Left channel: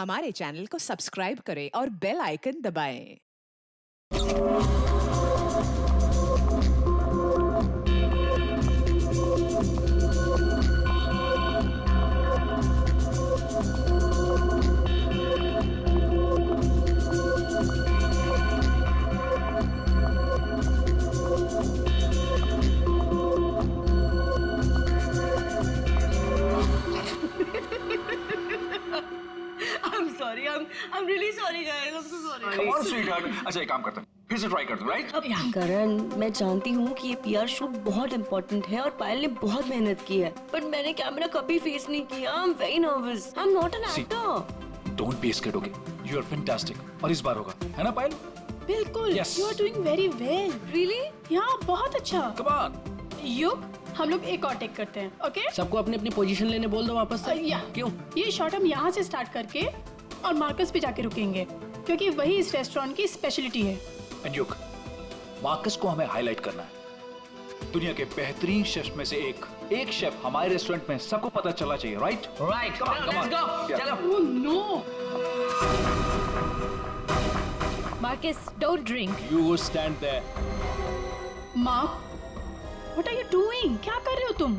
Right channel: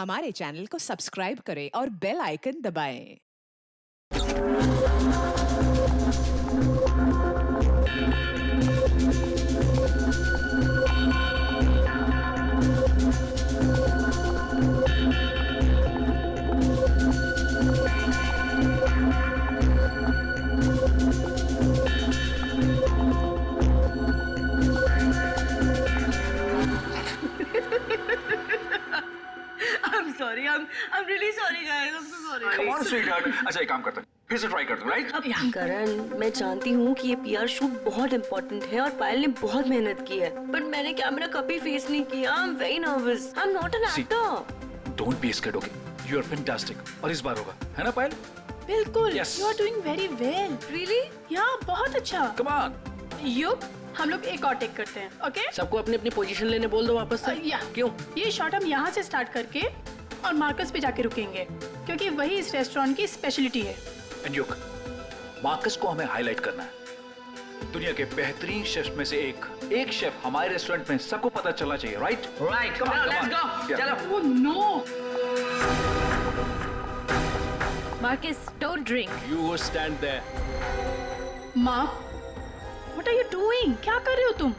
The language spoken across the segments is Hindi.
हमारे चैनल को सब्सक्राइब करें और बेल आइकन दबाएं। I'm really sorry guys. I'm so sorry. Come on, sweetheart. अच्छा एक काम करते हैं, फिर से ट्राई करते हैं, राइट? करण, मैं जानती हूँ कि ये पीआर शूट बहुत इम्पोर्टेंट है और पायल ने बहुत मेहनत की है, बट मैंने कैमरा कभी फेस नहीं किया। I am very nervous. I am not an actor. Don't be scared, okay? You are fantastic और इस बार होगा, है ना पायल? बिल्कुल। Yes. You are doing very well. Really? Yeah, बहुत अच्छा। Come on. युग, हम लोग एक और टेक करते हैं, ओके? सबको अपनी अपनी पोजीशन लेने बोल दो वापस से। या क्यों? ये शॉट हम यहाँ से स्टार्ट करके और मार्कस पे जाके रुकेंगे, क्योंकि वही इस रेस्टोरेंट की स्पेशलिटी है। एंड युग, मार्कस को हमें हाईलाइट करना है। दुनिया के बेहतरीन शेफ में से एक शेफ हमारे रेस्टोरेंट में सबको पता चलना चाहिए, right? Right, Come on, let's come on. Go. Yeah. चलो। Oh no! Marcus, don't drink. You go stand there. Mark, what are you doing? क्या कर रहे हो तुम?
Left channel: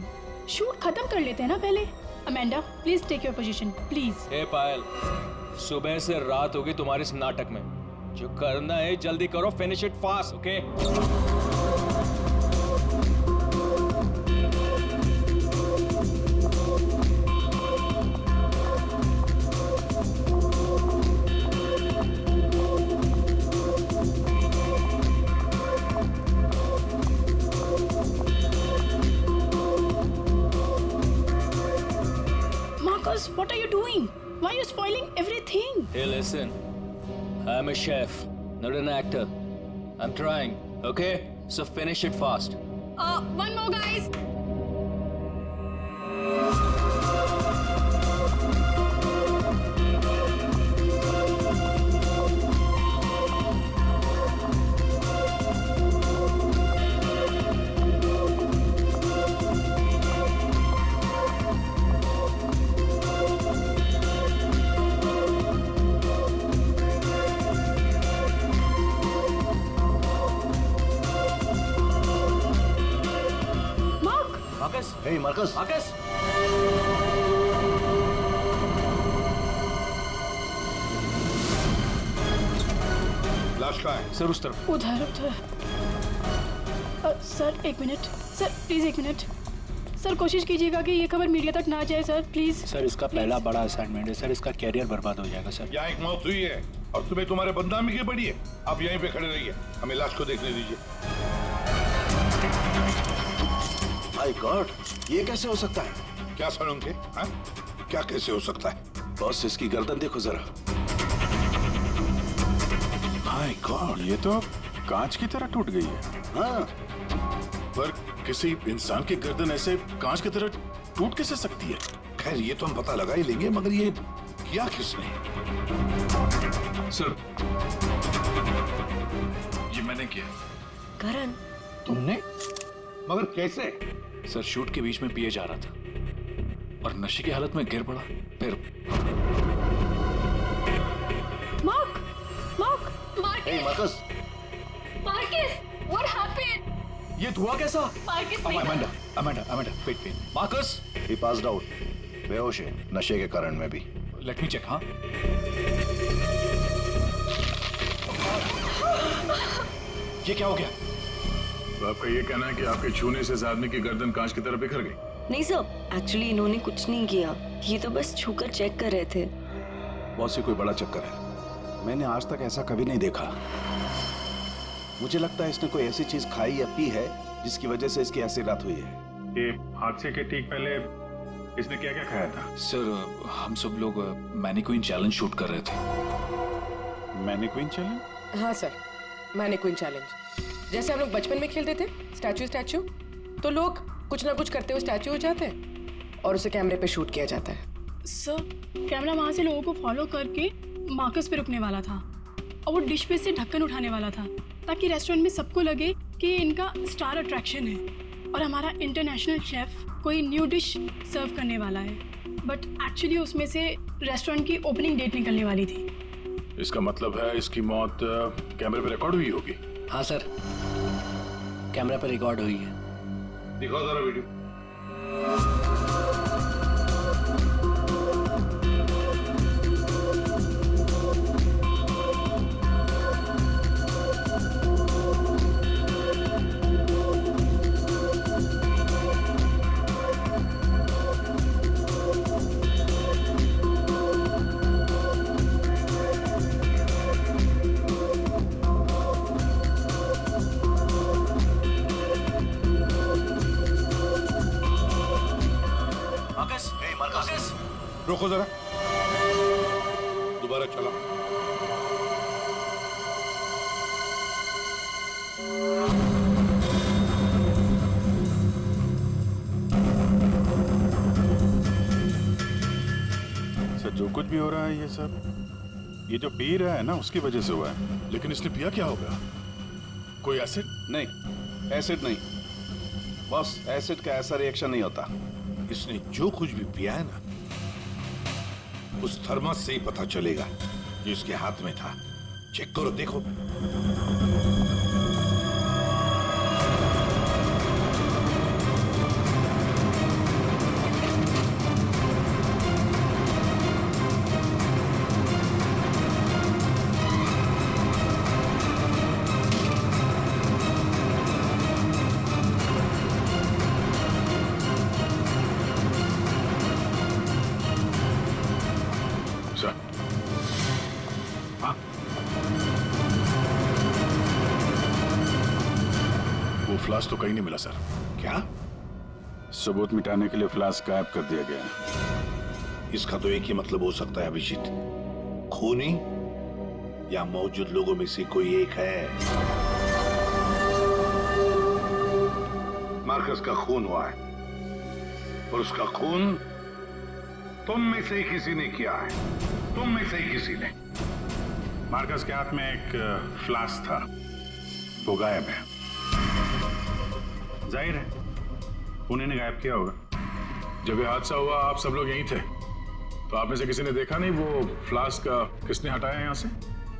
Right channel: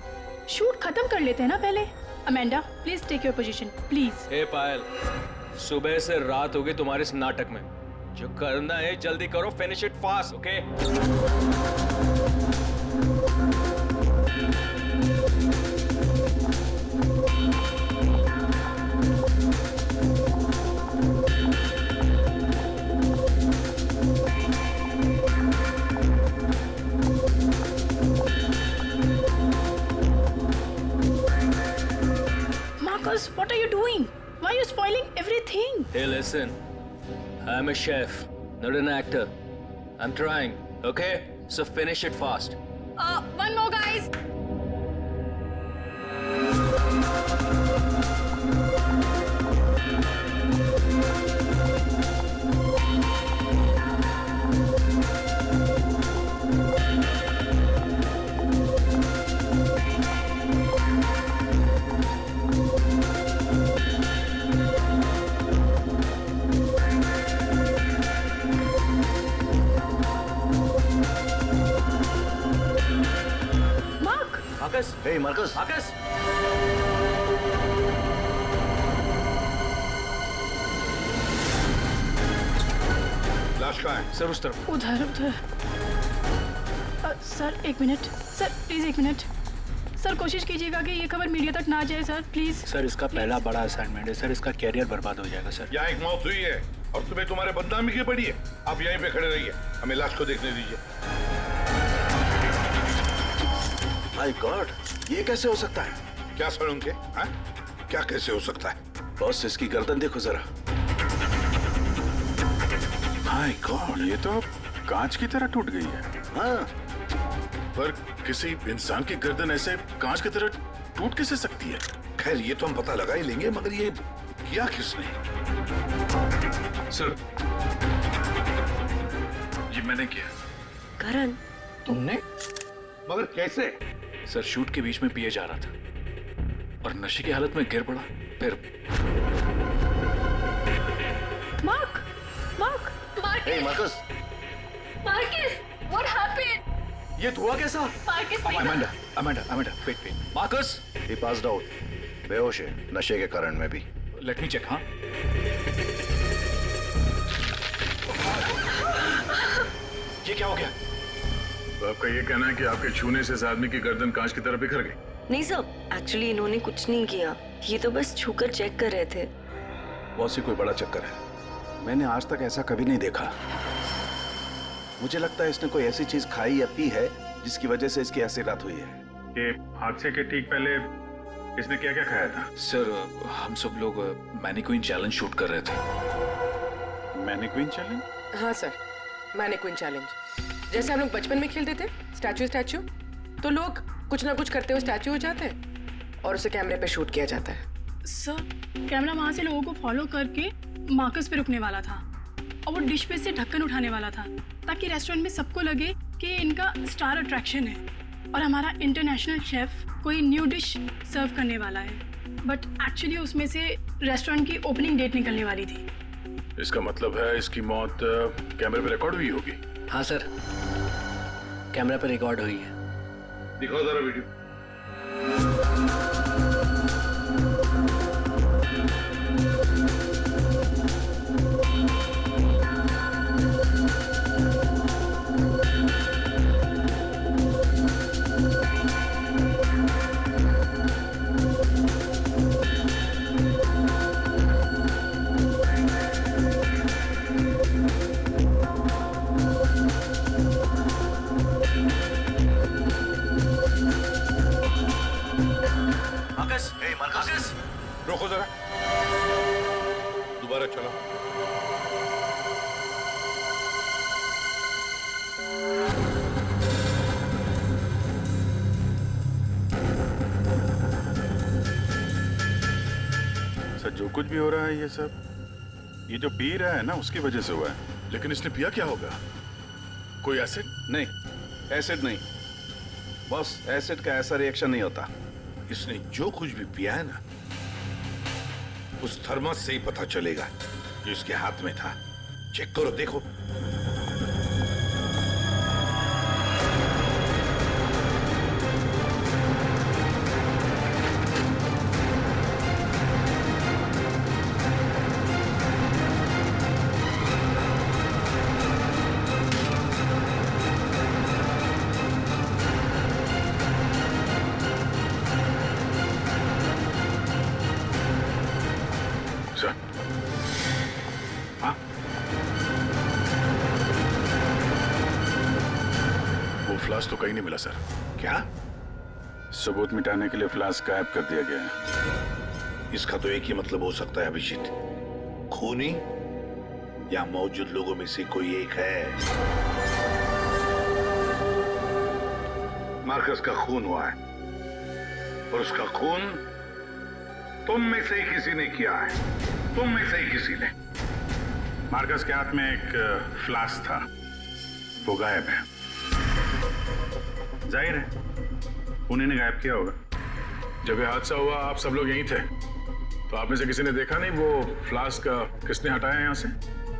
शूट खत्म कर लेते हैं ना पहले। Amanda, please take your position, please. Hey Payal, सुबह से रात हो गई तुम्हारे इस नाटक में। जो करना है जल्दी करो, finish it fast, okay? Marcus, what are you doing? Why are you spoiling everything? Hey, listen. I'm a chef, not an actor. I'm trying, okay? So finish it fast. One more, guys. Marcus, hey Marcus, Marcus. लाश कहाँ है? सर उस तरफ। उधर उधर। सर एक मिनट, सर प्लीज एक मिनट। सर कोशिश कीजिएगा कि ये खबर मीडिया तक ना जाए सर, प्लीज। सर इसका पहला बड़ा असाइनमेंट है सर, इसका कैरियर बर्बाद हो जाएगा सर। यहाँ एक मौत हुई है और तुम्हें तुम्हारे बदनामी की पड़ी है। आप यहीं पे खड़े रहिए, हमें लाश को देखने दीजिए। माय गॉड, ये कैसे हो सकता है? क्या सर उनके? हाँ? क्या कैसे हो सकता है? बॉस, इसकी गर्दन देखो जरा। माय गॉड, ये तो कांच की तरह टूट गई है। हाँ, पर किसी इंसान की गर्दन ऐसे कांच की तरह टूट कैसे सकती है? खैर ये तो हम पता लगा ही लेंगे, मगर ये किया किसने? सर, ये मैंने किया। करण, तुमने? मगर कैसे? सर, शूट के बीच में पिए जा रहा था और नशे की हालत में गिर पड़ा, फिर Mark, Mark, hey Marcus, Marcus, what happened? ये धुआं कैसा? Marcus, Amanda, wait. Marcus, he passed out, बेहोश है, नशे के कारण में भी। Let me check. हाँ, ये क्या हो गया? तो आपका ये कहना है कि आपके छूने से इस आदमी की गर्दन कांच की तरह बिखर गई? नहीं सर, एक्चुअली इन्होंने कुछ नहीं किया, ये तो बस छूकर चेक कर रहे थे। बहुत सी कोई बड़ा चक्कर है, मैंने आज तक ऐसा कभी नहीं देखा। मुझे लगता है इसने कोई ऐसी चीज खाई या पी है जिसकी वजह से इसकी ऐसी रात हुई है। ये हादसे के ठीक पहले इसने क्या क्या खाया था? सर, हम सब लोग मैनिक्विन चैलेंज शूट कर रहे थे। Mannequin challenge? हाँ सर, मैनिक्विन चैलेंज। जैसे हम लोग बचपन में खेलते थे स्टैचू, तो लोग कुछ ना कुछ करते हुए स्टैचू हो जाते हैं और उसे कैमरे पे शूट किया जाता है। सर कैमरा वहां से लोगों को फॉलो करके मार्कस पे रुकने वाला था और वो डिश पे से ढक्कन उठाने वाला था, ताकि रेस्टोरेंट में सबको लगे कि इनका स्टार अट्रैक्शन है और हमारा इंटरनेशनल शेफ कोई न्यू डिश सर्व करने वाला है। बट एक्चुअली उसमें से रेस्टोरेंट की ओपनिंग डेट निकलने वाली थी। इसका मतलब है इसकी मौत कैमरे पे रिकॉर्ड हुई होगी। हाँ सर, कैमरा पे रिकॉर्ड हुई है। दिखाओ जरा वीडियो। रोको जरा, दोबारा चला। सर जो कुछ भी हो रहा है ये सब ये जो पी रहा है ना उसकी वजह से हुआ है। लेकिन इसने पिया क्या होगा? कोई एसिड? नहीं, एसिड नहीं बॉस, एसिड का ऐसा रिएक्शन नहीं होता। इसने जो कुछ भी पिया है ना, उस थर्मस से ही पता चलेगा जो इसके हाथ में था। चेक करो, देखो। सर, हाँ, वो फ्लास्क तो कहीं नहीं मिला सर। क्या? सबूत मिटाने के लिए फ्लास्क गायब कर दिया गया है। इसका तो एक ही मतलब हो सकता है अभिजीत, खूनी या मौजूद लोगों में से कोई एक है। मार्कस का खून हुआ है और उसका खून तुम में से ही किसी ने किया है। तुम में से ही किसी ने। मार्कस के हाथ में एक फ्लास्क था, वो गायब है। जाहिर है उन्हीं ने गायब किया होगा। जब ये हादसा हुआ आप सब लोग यहीं थे, तो आप में से किसी ने देखा नहीं वो फ्लास्क किसने हटाया यहाँ से?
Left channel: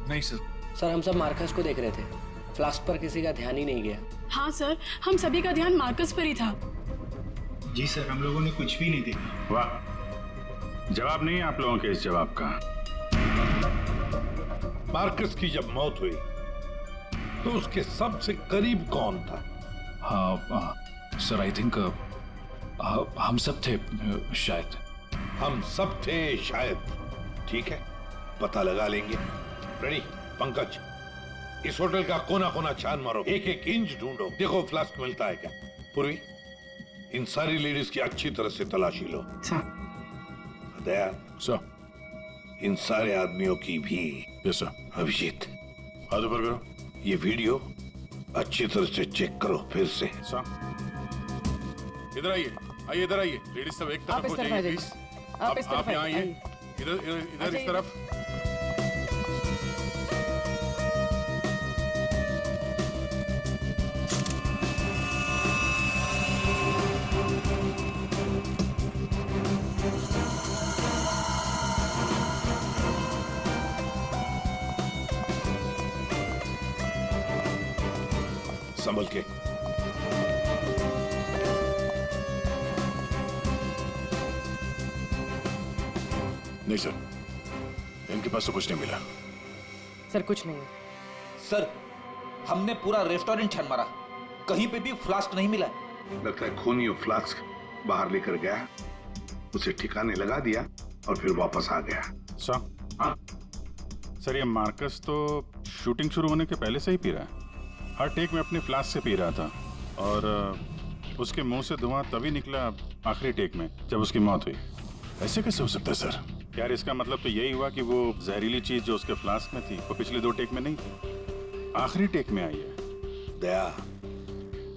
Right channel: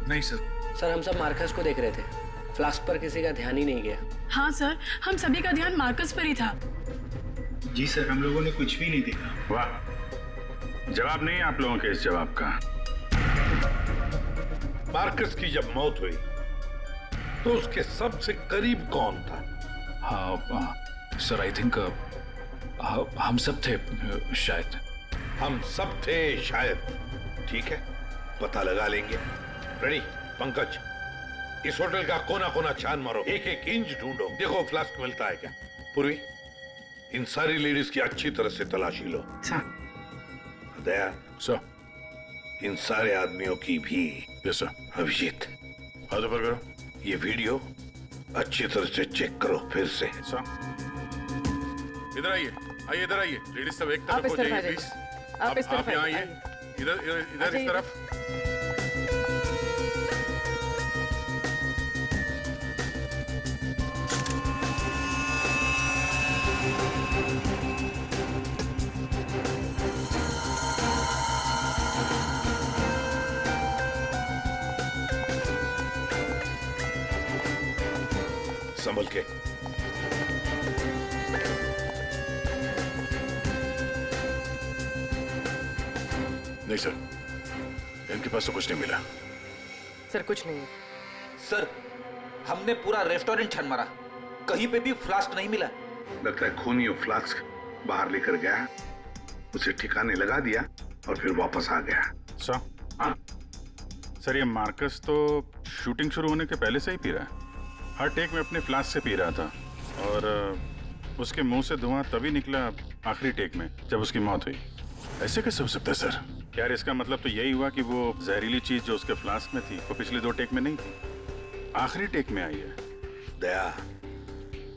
नहीं सर। सर हम सब मार्कस को देख रहे थे, फ्लास्क पर किसी का ध्यान ही नहीं गया। हाँ सर, हम सभी का ध्यान मार्कस पर ही था। जी सर, हम लोगों ने कुछ भी नहीं देखा। वाह, जवाब नहीं है आप लोगों के इस जवाब का। मार्कस की जब मौत हुई तो उसके सबसे करीब कौन था? हाँ सर, आई थिंक हम सब थे शायद। हम सब थे शायद। ठीक है, पता लगा लेंगे। रेडी पंकज, इस होटल का कोना कोना छान मारो, एक एक इंच ढूंढो, देखो फ्लास्क मिलता है क्या। पूर्वी, इन सारी लेडीज की अच्छी तरह से तलाशी लो। दया सर, इन सारे आदमियों की भी। Yes sir. अभिजीत, हाथ ऊपर करो। ये वीडियो अच्छी तरह से चेक करो फिर से। सर इधर आइए, आइए इधर आइए। लेडीज सब एक तरफ हो जाइए प्लीज। आप यहाँ आइए, इधर इधर इधर इस तरफ। संभल के। नहीं सर, इनके पास तो कुछ नहीं मिला। सर कुछ नहीं है। सर, हमने पूरा रेस्टोरेंट छान मारा, कहीं पे भी फ्लास्क नहीं मिला। लगता है खूनी वो फ्लास्क बाहर लेकर गया, उसे ठिकाने लगा दिया और फिर वापस आ गया। सर ये मार्कस तो शूटिंग शुरू होने के पहले से ही पी रहा है। हर टेक में अपने फ्लास्क से पी रहा था और उसके मुंह से धुआं तभी निकला आखिरी टेक में जब उसकी मौत हुई। ऐसे कैसे हो सकता है सर? यार इसका मतलब तो यही हुआ कि वो जहरीली चीज जो उसके फ्लास्क में थी वो पिछले 2 टेक में नहीं थी, आखिरी टेक में आई है। दया,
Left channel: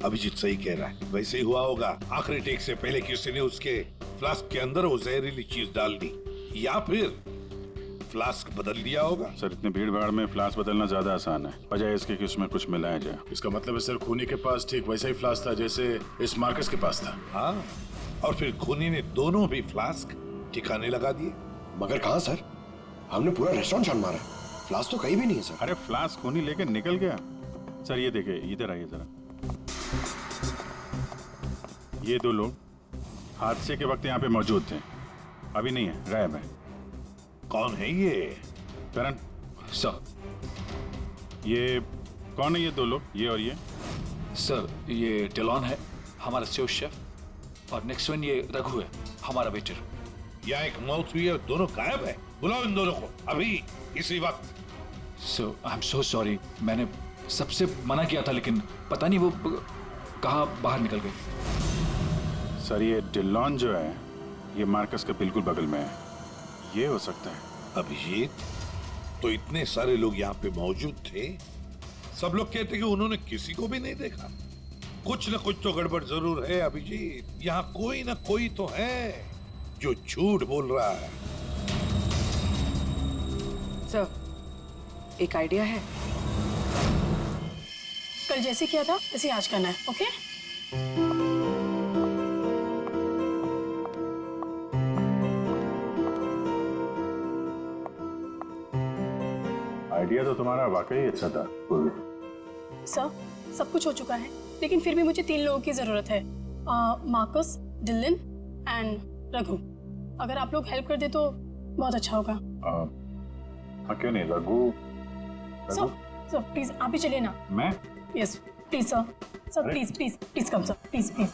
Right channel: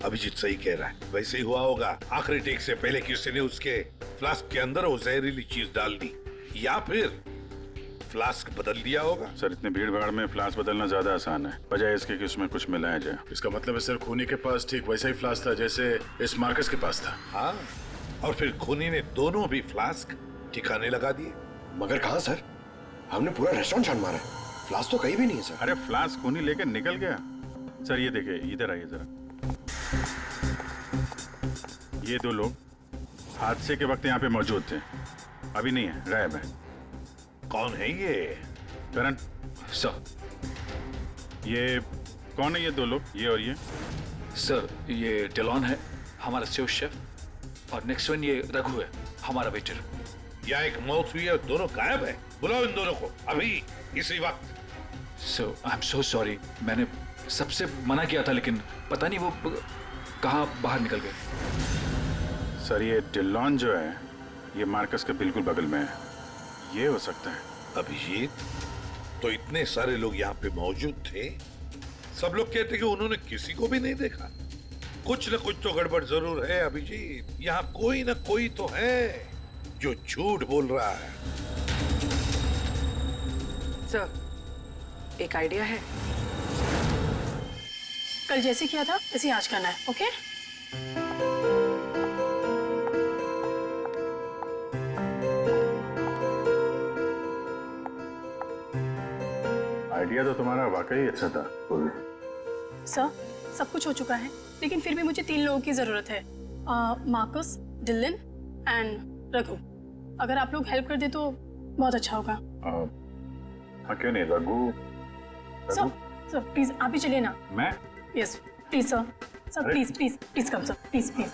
अभिजीत सही कह रहा है, वैसे ही हुआ होगा। आखिरी टेक से पहले किसी ने उसके फ्लास्क के अंदर वो जहरीली चीज डाल दी या फिर फ्लास्क बदल दिया होगा। सर इतने भीड़ भाड़ में फ्लास्क बदलना ज्यादा आसान है, बजाय इसके कि उसमें कुछ मिलाया जाए। इसका मतलब है सर खूनी के पास ठीक वैसा ही फ्लास्क था जैसे इस मार्कस के पास था। हाँ, और फिर खूनी ने दोनों भी फ्लास्क ठिकाने लगा दिए। मगर कहाँ सर? हमने पूरा रेस्टोरेंट छान मारा है, फ्लास्क तो कहीं भी नहीं है सर। अरे फ्लास्क खूनी लेके निकल गया। सर ये देखिए, इधर आइए जरा। ये दो लोग हादसे के वक्त यहाँ पे मौजूद थे, अभी नहीं है, गायब है। कौन है ये? करण सर, ये कौन है ये दो लोग, ये और ये? सर ये डिलॉन है, हमारा सेफ शेफ, और नेक्स्ट वन ये रघु है, हमारा वेटर। यहाँ एक मौत हुई है, दोनों गायब है। बुलाओ इन दोनों को अभी, इसी वक्त। सो आई एम सो सॉरी, मैंने सबसे मना किया था, लेकिन पता नहीं वो कहाँ बाहर निकल गए। सर ये डिलॉन जो है, ये मार्कस के बिल्कुल बगल में है, ये हो सकता है। अभिजीत, तो इतने सारे लोग यहाँ पे मौजूद थे, सब लोग कहते कि उन्होंने किसी को भी नहीं देखा। कुछ न कुछ तो गड़बड़ जरूर है अभिजीत। यहाँ कोई न कोई तो है जो झूठ बोल रहा है। सर, एक आइडिया है। कल जैसे किया था वैसे आज करना है, ओके? आइडिया तो तुम्हारा वाकई अच्छा था। सर, सब कुछ हो चुका है, लेकिन फिर भी मुझे 3 लोगों की जरूरत है, मार्कस, डिलन एंड रघु। अगर आप लोग हेल्प कर दे तो बहुत अच्छा होगा। हाँ क्यों नहीं, रघु। सर प्लीज आप ही चलिए ना। मैं? Yes please sir, sir please please please come sir, please please.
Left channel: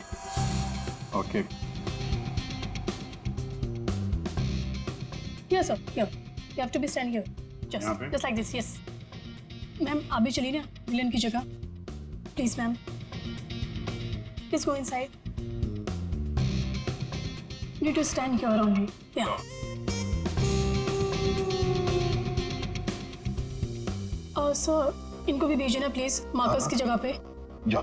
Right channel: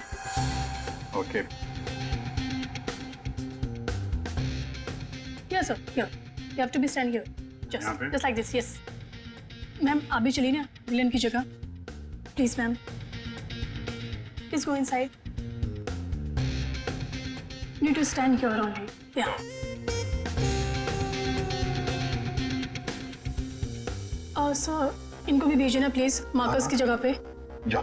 Okay. Yes sir, here you have to be stand here, just like this. Yes ma'am, आप भी चलिए ना डिलन की जगह, please ma'am, please go inside. Need to stand here only, yeah. Sir इनको भी भेजिए ना प्लीज, मार्कस की जगह पे। जाओ।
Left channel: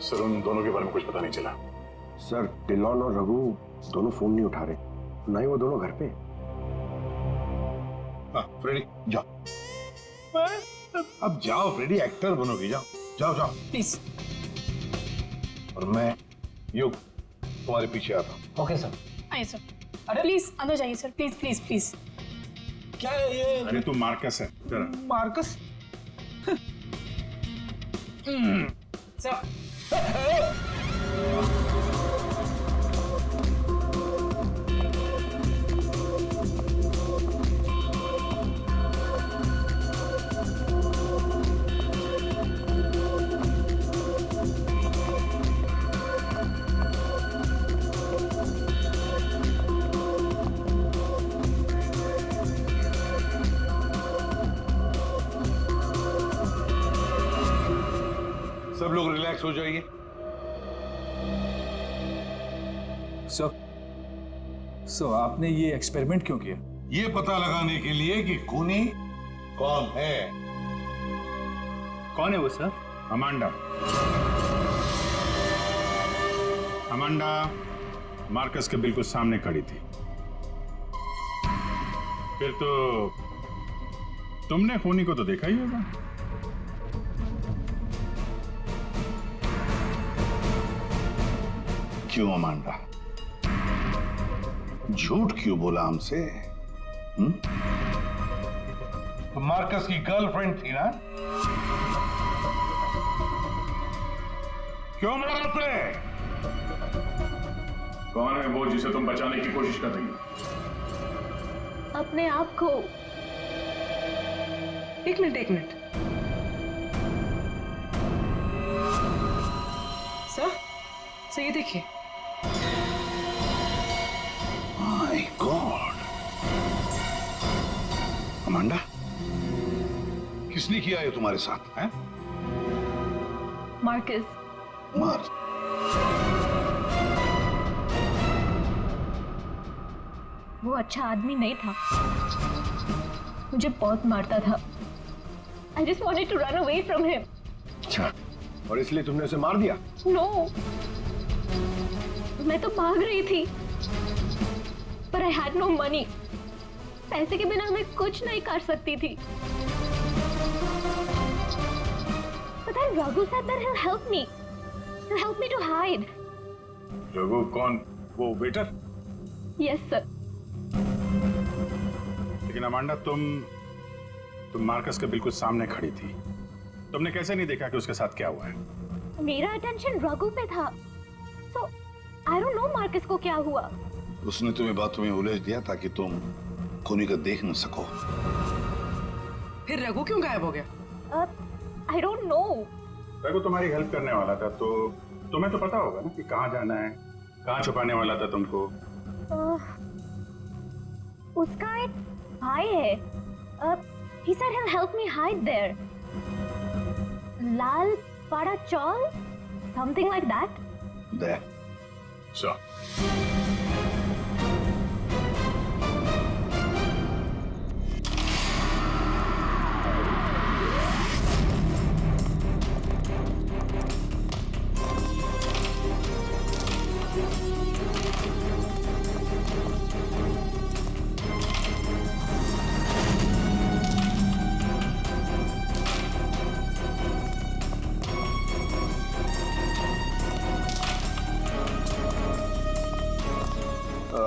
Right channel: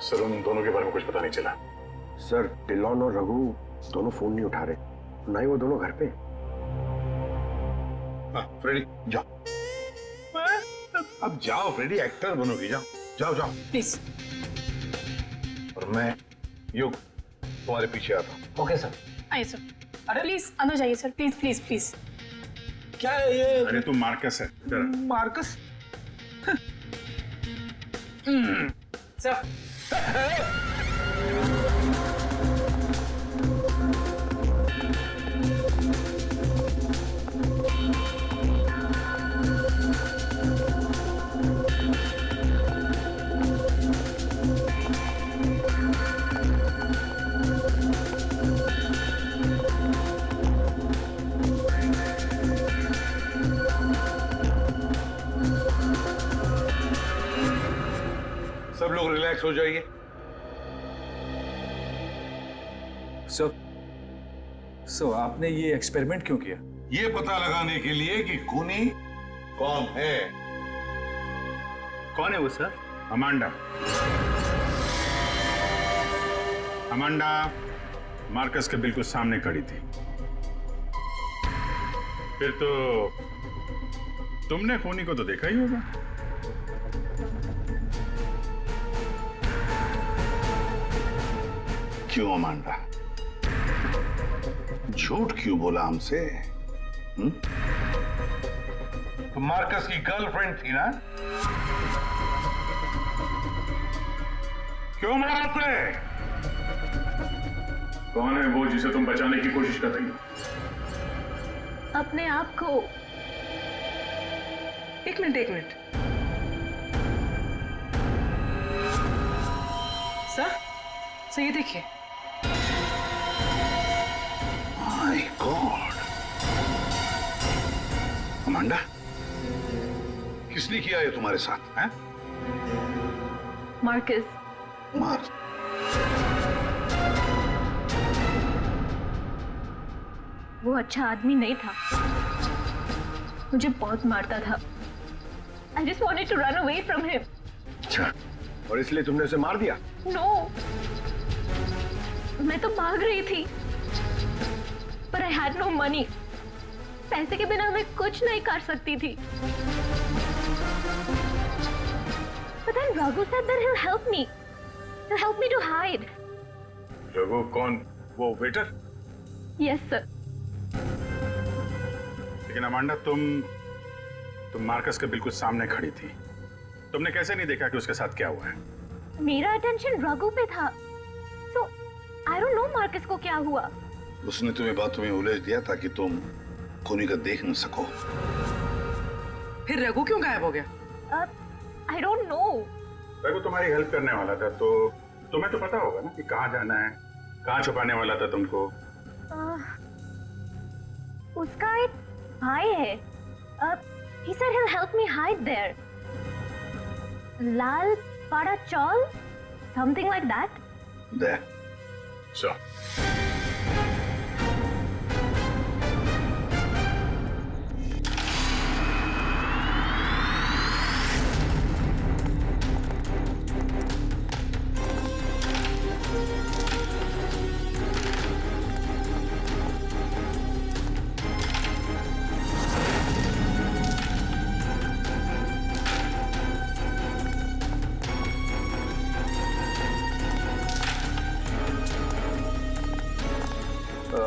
सर उन दोनों के बारे में कुछ पता नहीं चला। सर डिलॉन और रघु दोनों फोन नहीं उठा रहे, ना ही वो दोनों घर पे। हाँ फ्रेडी जाओ, अब जाओ फ्रेडी, एक्टर बनोगी, जाओ जाओ जाओ प्लीज। और मैं युग तुम्हारे पीछे आता हूँ। Okay sir. आइए सर, अरे प्लीज अंदर जाइए सर, प्लीज प्लीज प्लीज। क्या है ये? अरे तू मार्कस है जरा। मार्कस? सर सब लोग रिलैक्स हो जाइए। सर आपने ये एक्सपेरिमेंट क्यों किया? ये पता लगाने के लिए कि खूनी कौन है। कौन है वो सर? अमांडा। अमांडा मार्कस के बिल्कुल सामने खड़ी थी। फिर तो तुमने खूनी को तो देखा ही होगा। क्यों अमांडा, झूठ क्यों बोला हमसे? तो मार्कस की गर्लफ्रेंड थी ना? क्यों मारा उसे? कौन है वो जिसे तुम बचाने की कोशिश कर रही हो? अपने आप को। एक मिनट। सर ये देखिए। माय गॉड, अमांडा, किसने किया ये तुम्हारे साथ? हैं? मार्कस। मार। वो अच्छा आदमी नहीं था, मुझे बहुत मारता था। I just wanted to run away from him. अच्छा, और इसलिए तुमने उसे मार दिया? No, मैं तो भाग रही थी, पर I had no money. पैसे के बिना मैं कुछ नहीं कर सकती थी। But then Raghu said that he'll help me. He'll help me to hide. Raghu कौन? वो वेटर? Yes, sir. लेकिन अमांडा तुम मार्कस के बिल्कुल सामने खड़ी थी। तुमने कैसे नहीं देखा कि उसके साथ क्या हुआ है? मेरा अटेंशन रघु पे था। So, I don't know Marcus को क्या हुआ। उसने तुम्हें बातों में उलझ दिया ताकि तुम खूनी का देख न सको। फिर रघु क्यों गायब हो गया? I don't know. रघु तुम्हारी हेल्प करने वाला था, तो तुम्हें तो पता होगा ना कि कहाँ जाना है, कहाँ छुपाने वाला था तुमको। उसका एक भाई है। He said he'll help me hide there. Lal Pada Chaul? Something like that? There. So.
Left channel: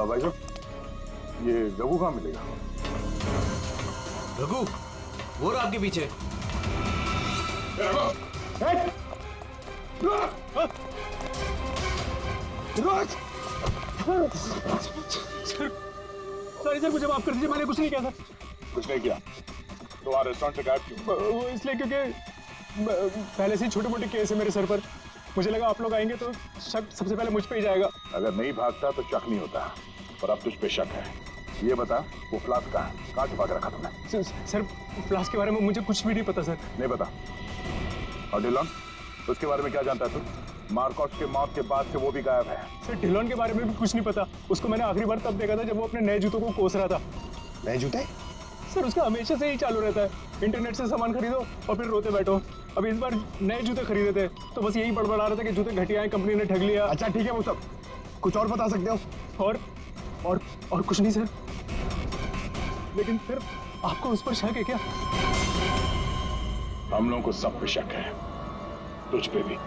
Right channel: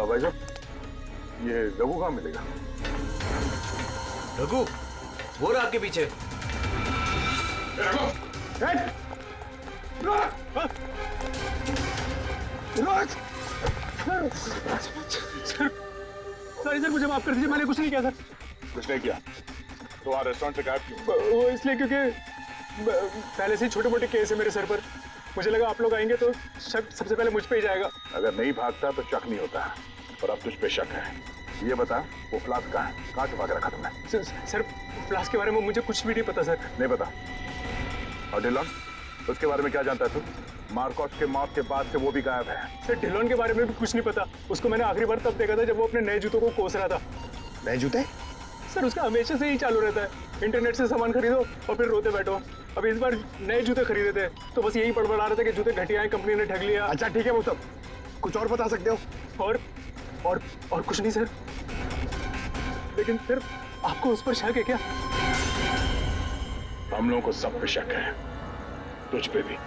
भाई साहब, ये रघु कहाँ मिलेगा? रघु, वो रहा आपके पीछे। सॉरी सर, मुझे माफ कर दीजिए, मैंने कुछ नहीं किया सर। कुछ नहीं किया? तो वहाँ रेस्टोरेंट से गायब क्यों? वो इसलिए क्योंकि पहले से ही छोटे मोटे केस है मेरे सर पर। मुझे लगा आप लोग आएंगे तो शक सबसे पहले मुझ पे ही जाएगा। अगर नहीं भागता तो शक नहीं होता, पर अब तुझ पे शक है। ये बता, वो फ्लास्क कहाँ है? कहाँ छुपा के रखा तुमने? सर फ्लास्क के बारे में मुझे कुछ भी नहीं पता सर। नहीं पता? और डिलॉन, उसके बारे में क्या जानता है तू? मार्कोस के मौत के बाद से वो भी गायब है। सर डिलॉन के बारे में भी कुछ नहीं पता। उसको मैंने आखिरी बार तब देखा था जब वो अपने नए जूतों को कोस रहा था। नए जूते? सर उसका हमेशा से ही चालू रहता है, इंटरनेट से सामान खरीदो और फिर रोते बैठो। अब इस बार नए जूते खरीदे थे तो बस यही बड़बड़ा रहा था कि जूते घटिया हैं, कंपनी ने ठग लिया। अच्छा ठीक है, वो सब कुछ और बता सकते हो? और कुछ नहीं सर। लेकिन फिर आपको उस पर शक है क्या? हम लोगों को सब पे शक है, तुझ पे भी।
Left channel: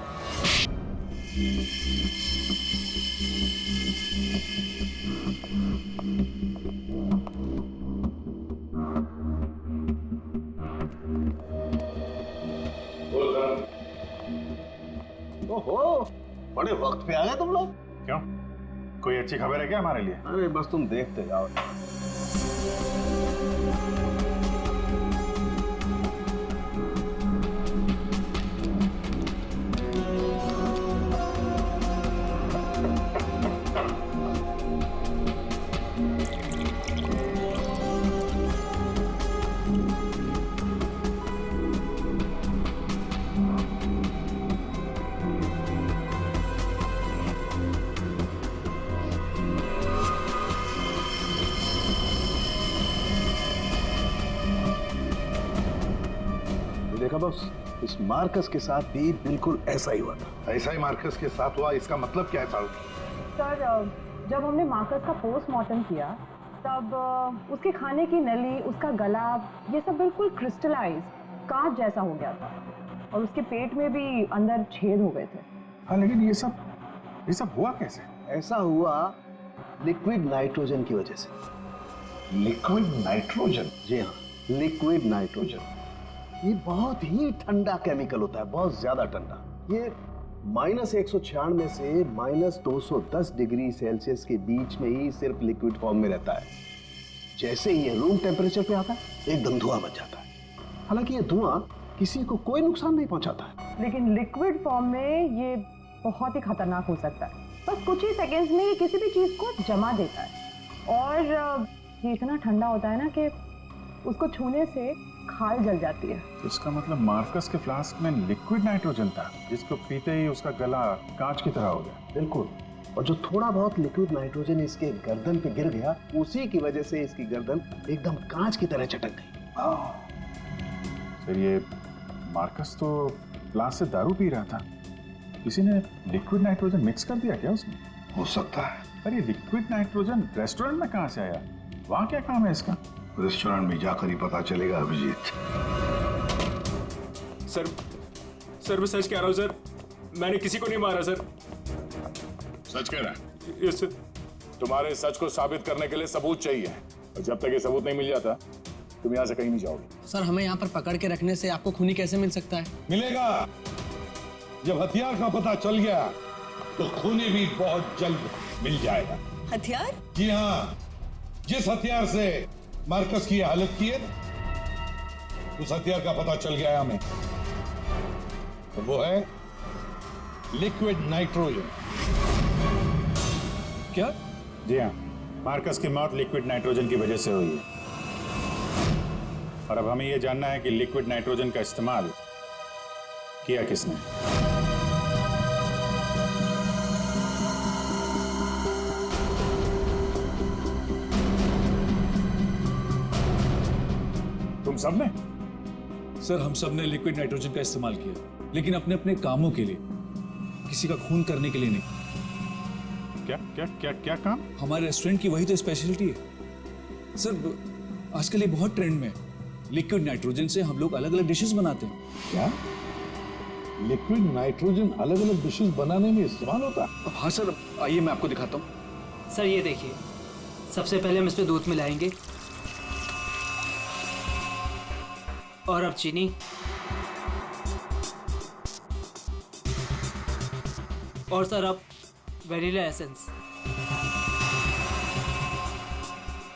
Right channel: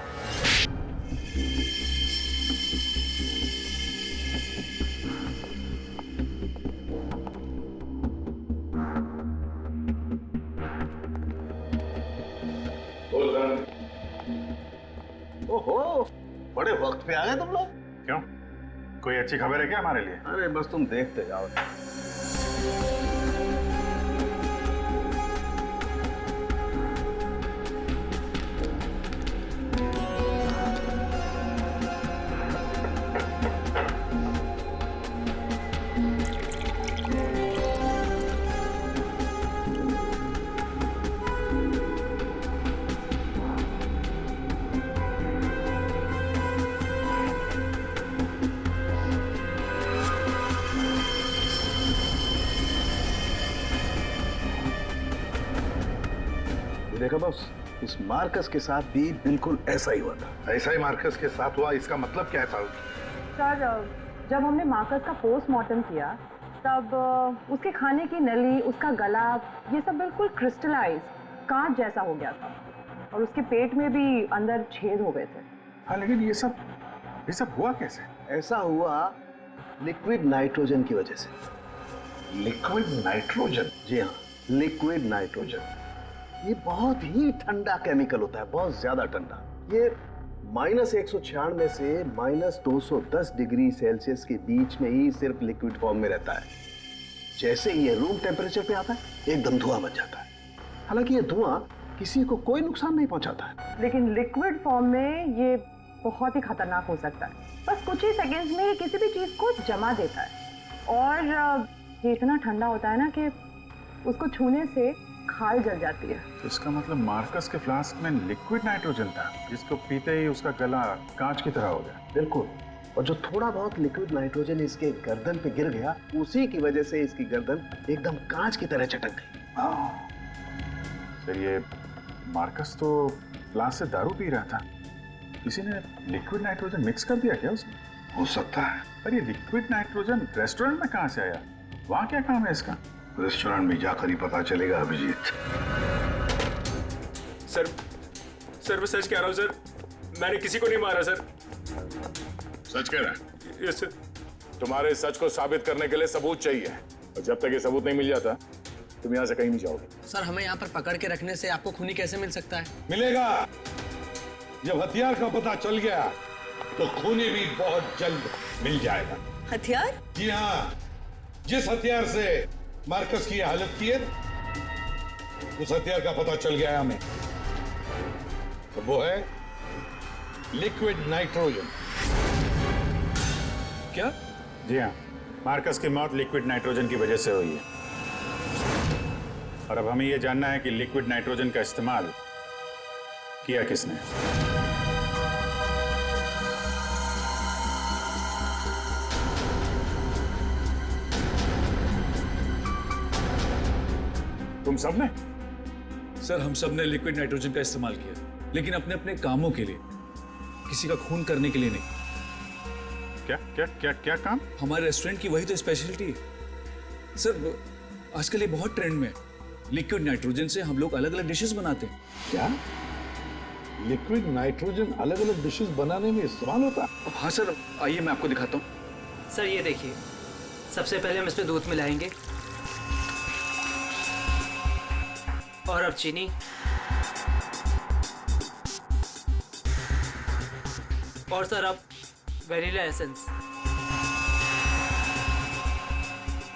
ओहो, बड़े वक्त पे आ गए तुम लोग। क्यों? कोई अच्छी खबर है क्या हमारे लिए? अरे बस तुम देखते जाओ। देखा बॉस, इस मार्कस के साथ भी बिल्कुल ऐसा ही हुआ था। ऐसा ही मार्कस के साथ हुआ, इसका मतलब क्या है साहब? सर, जब हमने मार्कस का पोस्टमार्टम किया तब उसके खाने की नली, उसका गला, ये सब बिल्कुल क्रिस्टलाइज कांच जैसा हो गया था और उसके पेट में भी अंदर छेद हो गए थे। हाँ, लेकिन ये सब हुआ कैसे? ऐसा हुआ लिक्विड नाइट्रोजन की वजह से। Liquid nitrogen? जी हाँ, लिक्विड नाइट्रोजन। ये बहुत ही ठंडा केमिकल होता है, बहुत ज्यादा ठंडा। ये -196 से -210 डिग्री सेल्सियस के बीच में ही सिर्फ लिक्विड फॉर्म में रहता है। जैसे ही ये रूम टेम्परेचर पे आता है एकदम धुआं बन जाता है। हालांकि ये धुआं किसी को कोई नुकसान नहीं पहुंचाता है, लेकिन लिक्विड फॉर्म में ये बहुत ही खतरनाक हो सकता है। बस कुछ ही सेकेंड्स में ये किसी भी चीज को जमा देता है और ये इतना ठंडा होता है ना कि उसको छूने से खाल जल जाती है। इसका मतलब मार्कस के फ्लास्क में लिक्विड नाइट्रोजन था, जिसको पीते ही उसका गला कांच की तरह हो गया। बिल्कुल। और जो थोड़ा बहुत लिक्विड नाइट्रोजन इसके गर्दन पे गिर गया, उसी की वजह से इसकी गर्दन एकदम कांच की तरह चटक गई। सर, ये मार्कस तो फ्लास्क से दारू पी रहा था, किसी ने लिक्विड नाइट्रोजन मिक्स कर दिया क्या उसमें? हो सकता है। पर ये लिक्विड नाइट्रोजन रेस्टोरेंट में कहाँ से आया? वहाँ क्या काम है इसका? रेस्टोरेंट में जाकर ही पता चलेगा अभिजीत। सर मैं सच कह रहा हूँ सर, मैंने किसी को नहीं मारा सर। सच कह रहा है? Yes sir. तुम्हारे सच को साबित करने के लिए सबूत चाहिए, और जब तक ये सबूत नहीं मिल जाता तुम यहाँ से कहीं नहीं जाओगे। सर हमें यहाँ पर पकड़ के रखने से आपको खूनी कैसे मिल सकता है? मिलेगा। जब हथियार का पता चल गया तो खूनी भी बहुत जल्द मिल जाएगा। हथियार? जी हाँ, जिस हथियार से मार्कस की हालत की है उस हथियार का पता चल गया है हमें। तो वो है लिक्विड नाइट्रोजन। क्या? जी हाँ, मार्कस की मौत लिक्विड नाइट्रोजन की वजह से हुई है। और अब हमें यह जानना है कि लिक्विड नाइट्रोजन का इस्तेमाल किया किसने। तुम सब ने? सर हम सब ने लिक्विड नाइट्रोजन का इस्तेमाल किया, लेकिन अपने अपने कामों के लिए, किसी का खून करने के लिए नहीं। क्या क्या क्या क्या काम? हमारे रेस्टोरेंट की वही तो स्पेशलिटी है सर। आजकल ये बहुत ट्रेंड में है। लिक्विड नाइट्रोजन से हम लोग अलग अलग डिशेस बनाते हैं। क्या लिक्विड नाइट्रोजन अलग अलग डिशेस बनाने में इस्तेमाल होता है? हाँ सर, आइए मैं आपको दिखाता हूँ। सर ये देखिए, सबसे पहले हम इसमें दूध मिलाएंगे और अब चीनी और सर अब वैनिला एसेंस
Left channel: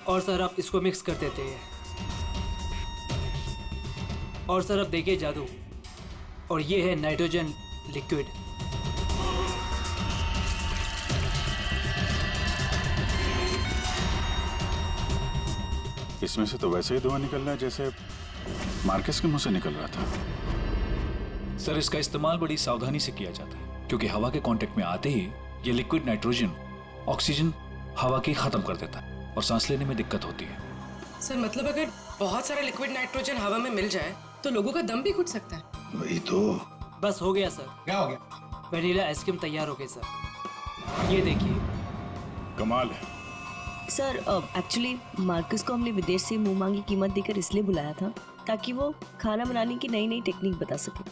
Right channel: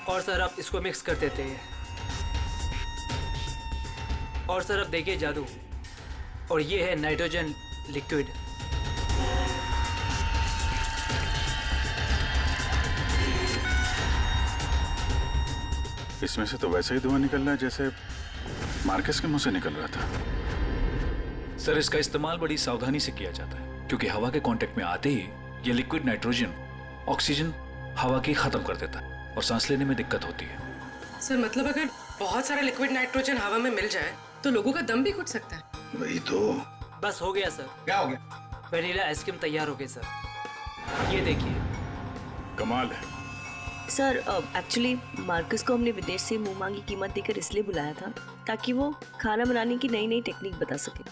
और सर अब इसको मिक्स कर देते हैं। और सर अब देखिए जादू, और ये है नाइट्रोजन लिक्विड। इसमें से तो वैसे ही धुआं निकल रहा है जैसे मार्कस के मुंह से निकल रहा था। सर इसका इस्तेमाल बड़ी सावधानी से किया जाता है, क्योंकि हवा के कांटेक्ट में आते ही ये लिक्विड नाइट्रोजन ऑक्सीजन हवा की खत्म कर देता है और सांस लेने में दिक्कत होती है। सर मतलब अगर बहुत सारा लिक्विड नाइट्रोजन हवा में मिल जाए तो लोगों का दम भी घुट सकता है। वही तो। बस हो गया सर। क्या हो गया? वैनिला आइसक्रीम तैयार हो गई सर, ये देखिए। कमाल है। सर एक्चुअली मार्कस को हमने विदेश से मुंह मांगी कीमत देकर इसलिए बुलाया था ताकि वो खाना बनाने की नई नई टेक्निक बता सके।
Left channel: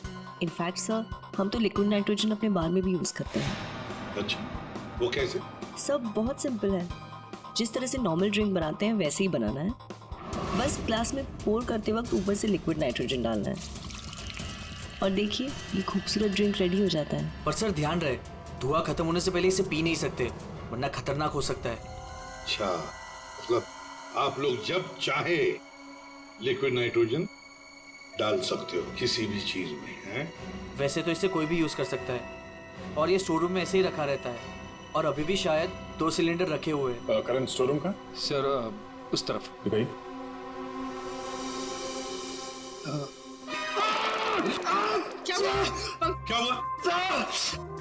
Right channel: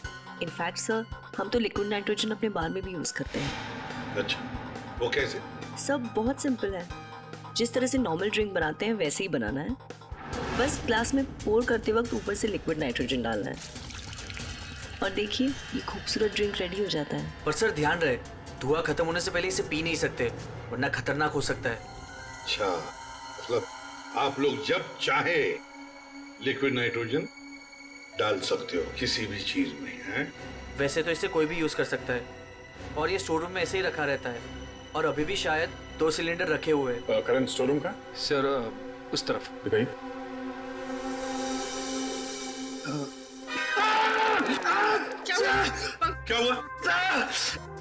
इनफैक्ट सर हम तो लिक्विड नाइट्रोजन अपने बार में भी यूज करते हैं। अच्छा, वो कैसे? सब बहुत सिंपल है। जिस तरह से नॉर्मल ड्रिंक बनाते हैं वैसे ही बनाना है। बस ग्लास में पोर करते वक्त ऊपर से लिक्विड नाइट्रोजन डालना है और देखिए ये खूबसूरत ड्रिंक रेडी हो जाता है। पर सर ध्यान रहे, धुआं खत्म होने से पहले इसे पी नहीं सकते, वरना खतरनाक हो सकता है। अच्छा, मतलब आप लोग जब चाहे लिक्विड नाइट्रोजन डाल सकते हो किसी भी चीज में, हैं? वैसे तो इसे कोई भी यूज कर सकता है और ये स्टोर रूम में ऐसे ही रखा रहता है और अभी भी शायद 2 सिलेंडर रखे हुए हैं। करंट स्टोर रूम का? सर उस तरफ दिखाइए। क्या हुआ?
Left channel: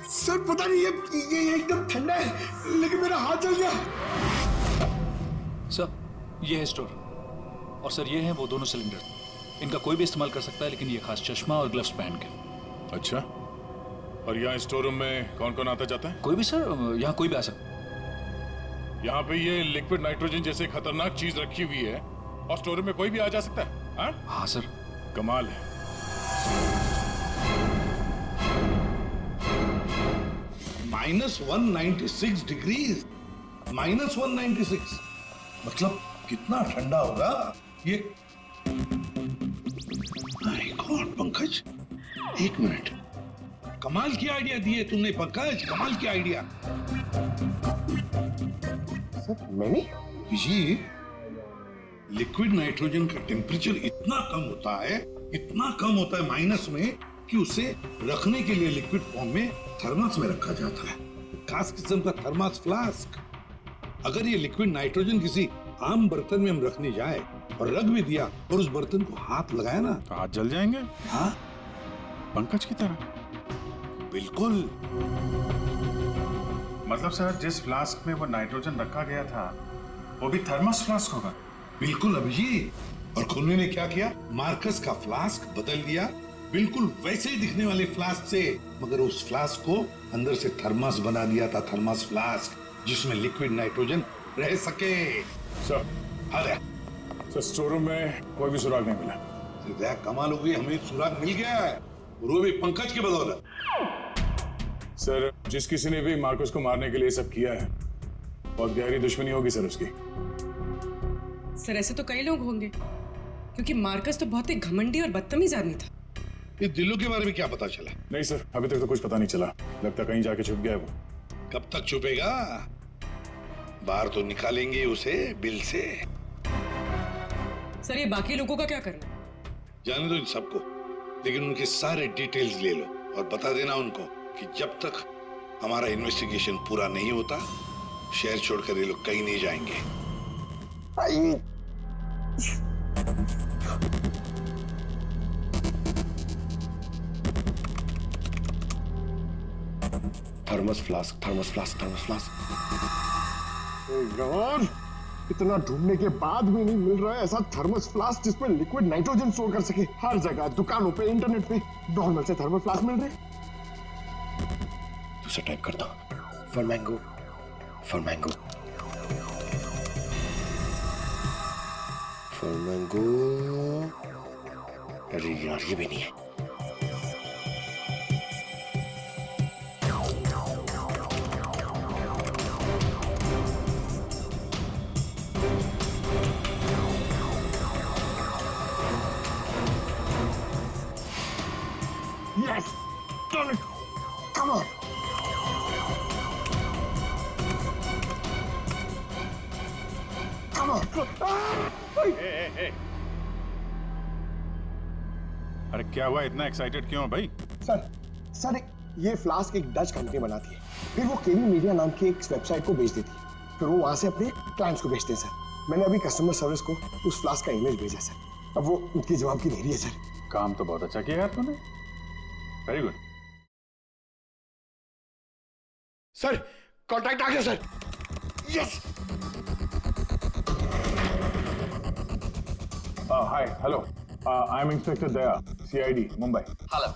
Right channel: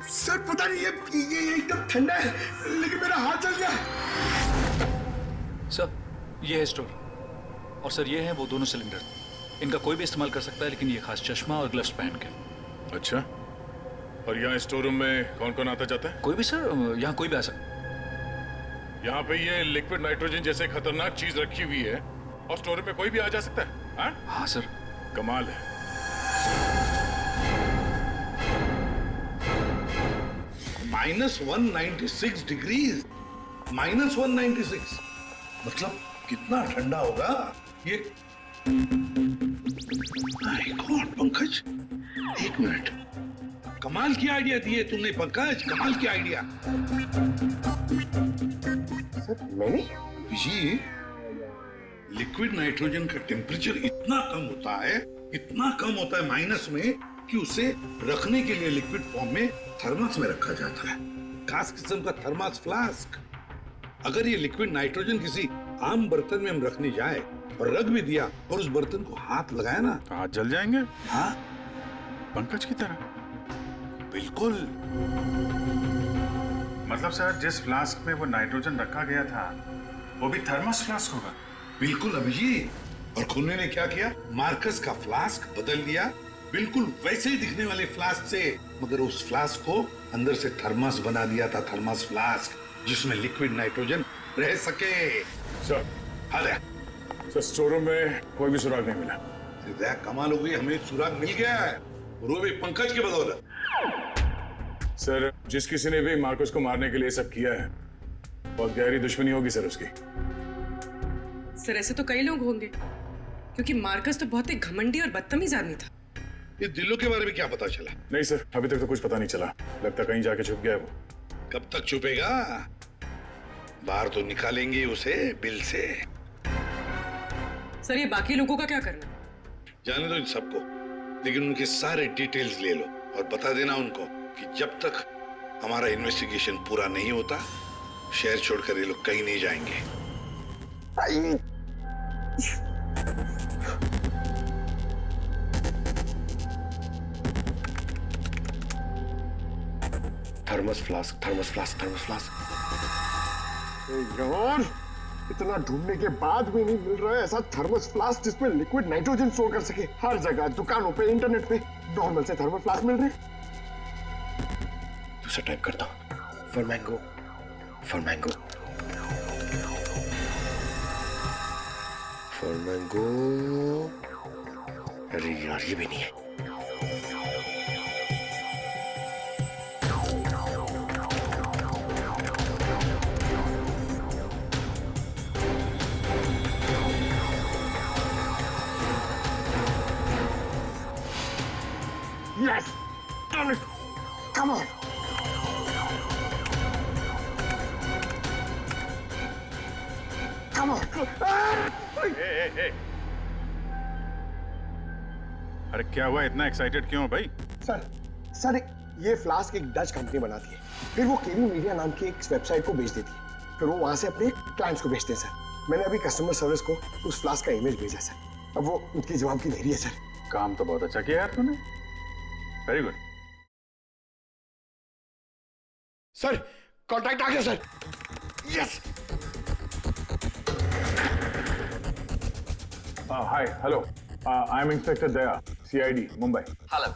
सर पता नहीं ये एकदम ठंडा है लेकिन मेरा हाथ जल गया। सर ये है स्टोर और सर ये हैं वो दोनों सिलेंडर। इनका कोई भी इस्तेमाल कर सकता है, लेकिन ये खास चश्मा और ग्लव्स पहन के। अच्छा, और यहाँ स्टोर रूम में कौन कौन आता जाता है? कोई भी सर, यहाँ कोई भी आ सकता है। यहाँ पे ये लिक्विड नाइट्रोजन जैसे खतरनाक चीज रखी हुई है और स्टोर रूम में कोई भी आ जा सकता है? हाँ सर। कमाल है। -196 डिग्रीज। -196 मतलब कितना ठंडा होगा ये? माय गॉड पंकज, एक मिनट, कमाल की आइडिया दिए तुमने पंकज, कमाल की आइडिया। सर मैंने जी, लिक्विड नाइट्रोजन का टेम्परेचर इतना कम होता है, इतना कम होता है माइनस में, कि उसे रखने के लिए लिक्विड फॉर्म में थर्मस में रखा जाता है, खास किस्म का थर्मस फ्लास्क। अगर ये लिक्विड नाइट्रोजन किसी आम बर्तन में हम रखने जाए और रख भी दिया और उस बर्तन को हाथ लगाया ना, तो हाथ जल जाएंगे। हाँ पंकज की तरह। बिल्कुल। मतलब सर जिस फ्लास्क में वो नाइट्रोजन रखा गया था वो भी थर्मस फ्लास्क होगा? बिल्कुल अभिजीत। और खूनी ने क्या किया? मार्कस का फ्लास्क बदल दिया बिल्कुल वैसे ही दिखने वाले फ्लास्क से, मगर उस फ्लास्क को अंदर से थर्मस बना दिया था, थर्मस फ्लास्क, जिसमें लिक्विड नाइट्रोजन रह सके। सर हाँ सर, स्टोर रूम में कोई भी सुराग नहीं मिला। कमाल हो गई, हमें सुराग मिल गया है और वो भी पंकज की बदौलत। सर, जिस किसी ने भी मार्कस को मारने के लिए सब किया है, बहुत गहरी दुश्मनी होगी सर उसकी। सर ऐसे तो कई लोग होंगे, क्योंकि मार्कस तो बहुत ही घमंडी और बदतमीज आदमी था। इस दिल्लू के बारे में क्या पता चला? नहीं सर, अभी तक तो कुछ पता नहीं चला। लगता कहीं जाके छुप गया है वो। कब तक छुपेगा? बाहर तो निकालेंगे उसे बिल से। सर ये बाकी लोगों का क्या करना? जाने दो इन सबको, लेकिन उनके सारे डिटेल्स ले लो और बता देना उनको कि जब तक हमारा इन्वेस्टिगेशन पूरा नहीं होता, शहर छोड़कर ये लोग कहीं नहीं जाएंगे। Thermos flask, thermos flask, thermos flask. यार, इतना ढूंढने के बाद भी नहीं मिल रहा है ऐसा थर्मस फ्लास्क जिसमें लिक्विड नाइट्रोजन स्टोर कर सके। हर जगह, दुकानों पे, इंटरनेट पे नॉर्मल से थर्मल फ्लास्क मिल रहे हैं। दूसरा टाइप करता हूं। For mango, for mango, for mango. अरे यार, ये भी नहीं है। Yes! Done it! Come on! Come on! अरे क्या हुआ, इतना एक्साइटेड क्यों हो भाई? सर, ये फ्लास्क एक डच कंपनी बनाती है, फिर वो केवी मीडिया नाम की एक वेबसाइट को बेच देती है, फिर वो वहां से अपने क्लाइंट्स को बेचते हैं सर। मैंने अभी कस्टमर सर्विस को उस फ्लास्क का इमेज भेजा सर, अब वो उनकी जवाब की देरी है सर। काम तो बहुत अच्छा किया यार तूने, वेरी गुड। सर, कॉन्ट्रैक्ट आ गया sir. Yes. Hi, hello. I'm Inspector Daya, CID, Mumbai. Hello.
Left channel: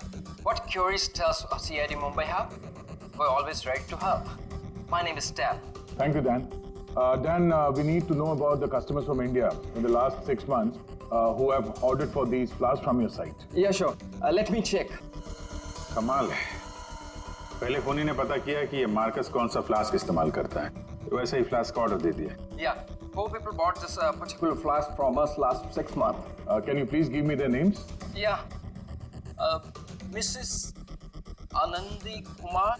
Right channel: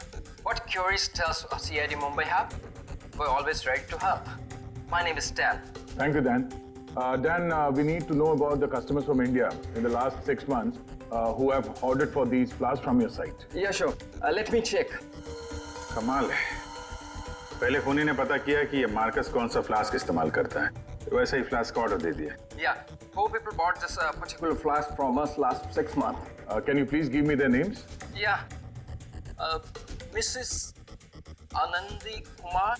What queries does CID Mumbai have? We're always ready to help. My name is Dan. Thank you, Dan. Dan, we need to know about the customers from India in the last 6 months who have ordered for these flasks from your site. Yeah, sure. Let me check. कमाल है, पहले खूनी ने पता किया कि ये मार्कस कौन सा फ्लास्क इस्तेमाल करता है, तो वैसे ही फ्लास्क का ऑर्डर दे दिया। Yeah, 4 people bought this particular flask from us last 6 months. Can you please give me their names? Yeah. Mrs. Anandi Kumar,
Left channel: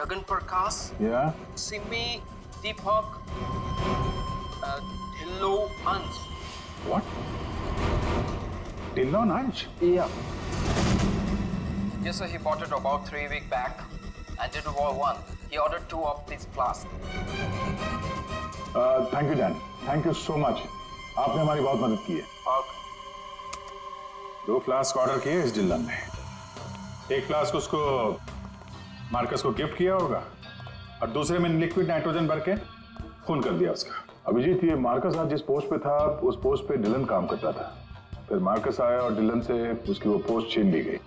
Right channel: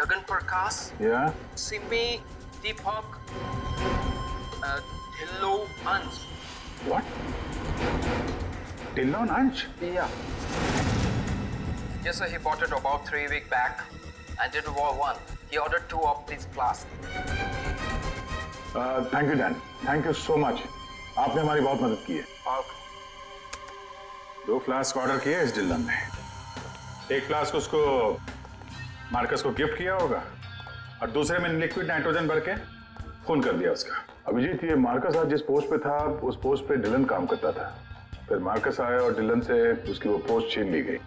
Gagan Prakash, Yeah. Simi Deepak, Dhillo Ansh. What? Dillon Ansh? Yeah. Yes, sir. He bought it about 3 weeks back and did one. He ordered 2 of these flasks. Thank you, Dan. Thank you so much. आपने हमारी बहुत मदद की है। 2 फ्लास्क ऑर्डर किए इस डिल्लन ने, एक फ्लास्क उसको मार्कस को गिफ्ट किया होगा और दूसरे में लिक्विड नाइट्रोजन भर के खून कर दिया उसका। अभिजीत, ये मार्कस आज जिस पोस्ट पे था उस पोस्ट पे डिलन काम करता था, फिर मार्कस आया और डिलन से उसकी वो पोस्ट छीन ली गई।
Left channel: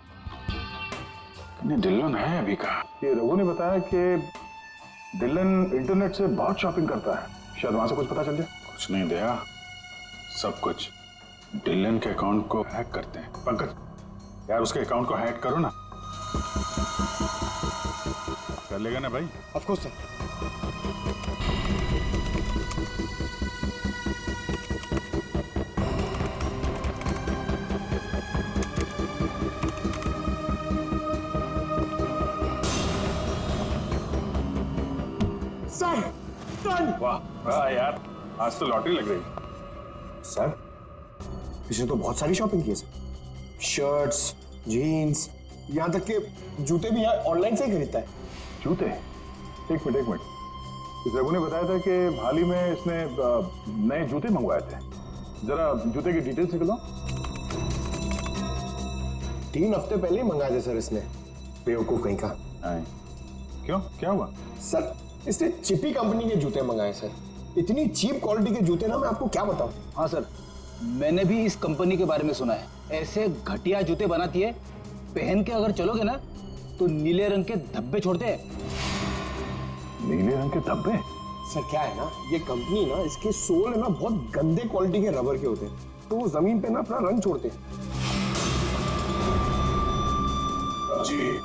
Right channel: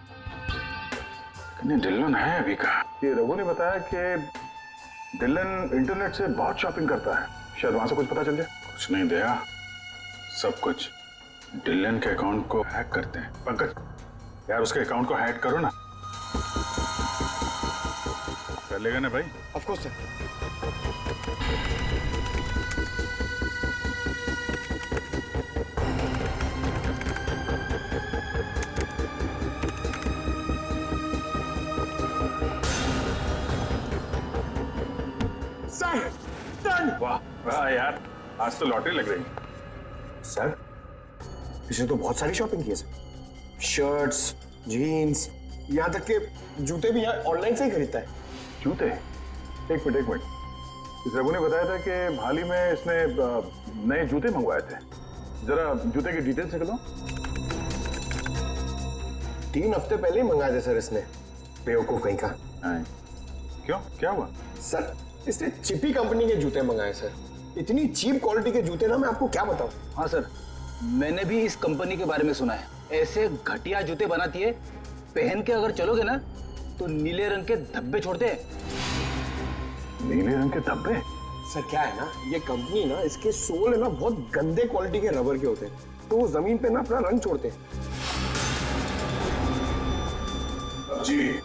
डिलन है अभी कहाँ? ये रघु ने बताया कि डिलन इंटरनेट से बहुत शॉपिंग करता है, शायद वहां से कुछ पता चल जाए। कुछ नहीं दया, सब कुछ डिलन के अकाउंट को हैक करते हैं। पंकज यार, उसके अकाउंट को हैक करो ना। कर लेगा ना भाई? Of course sir. वाह वाह यार, आज तो लॉटरी लग रही। सर, इसने तो बहुत सारी शॉपिंग की है सर, शर्ट्स, जीन्स, यहाँ तक के जूते भी यहाँ ऑनलाइन से ही खरीदता है। जूते? एक मिनट। इस रघु ने बताया था कि हाल ही में इसने नए जूते मंगवाए थे। जरा जूते की डिटेल्स निकलो। 3 हफ्ते पहले ही मंगाए थे सर इसने, बेवकूफ कहीं का। क्यों, क्या हुआ? सर, इसने चिपी कंपनी के जूते मंगाए सर। इतनी चीप क्वालिटी के जूते ना, मैं आपको क्या बताऊं। हाँ सर, मैंने भी इस कंपनी के बारे में सुना है। ऐसे घटिया जूते बनाती है, पहन के अगर चलोगे ना तो नीले रंग के धब्बे छोड़ते हैं। नीले रंग के धब्बे? सर क्या है ना, ये कंपनी ना, इसके सोल है ना बहुत गंदे क्वालिटी के रबर के होते हैं, तो वो जमीन पे ना अपना रंग छोड़ते हैं। जी,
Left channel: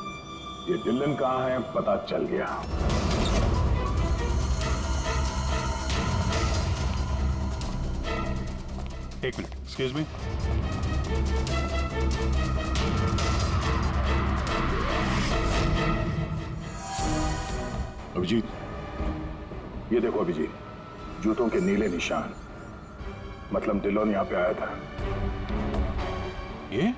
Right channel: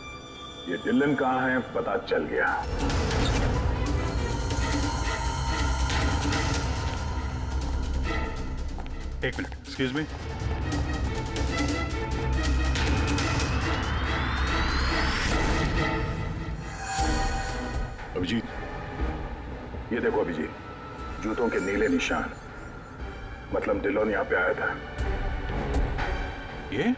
ये डिलन कहाँ है पता चल गया। एक मिनट, एक्सक्यूज मी। अभिजीत, ये देखो अभिजीत, जूतों के नीले निशान, मतलब डिलोन यहाँ पे आया था। ये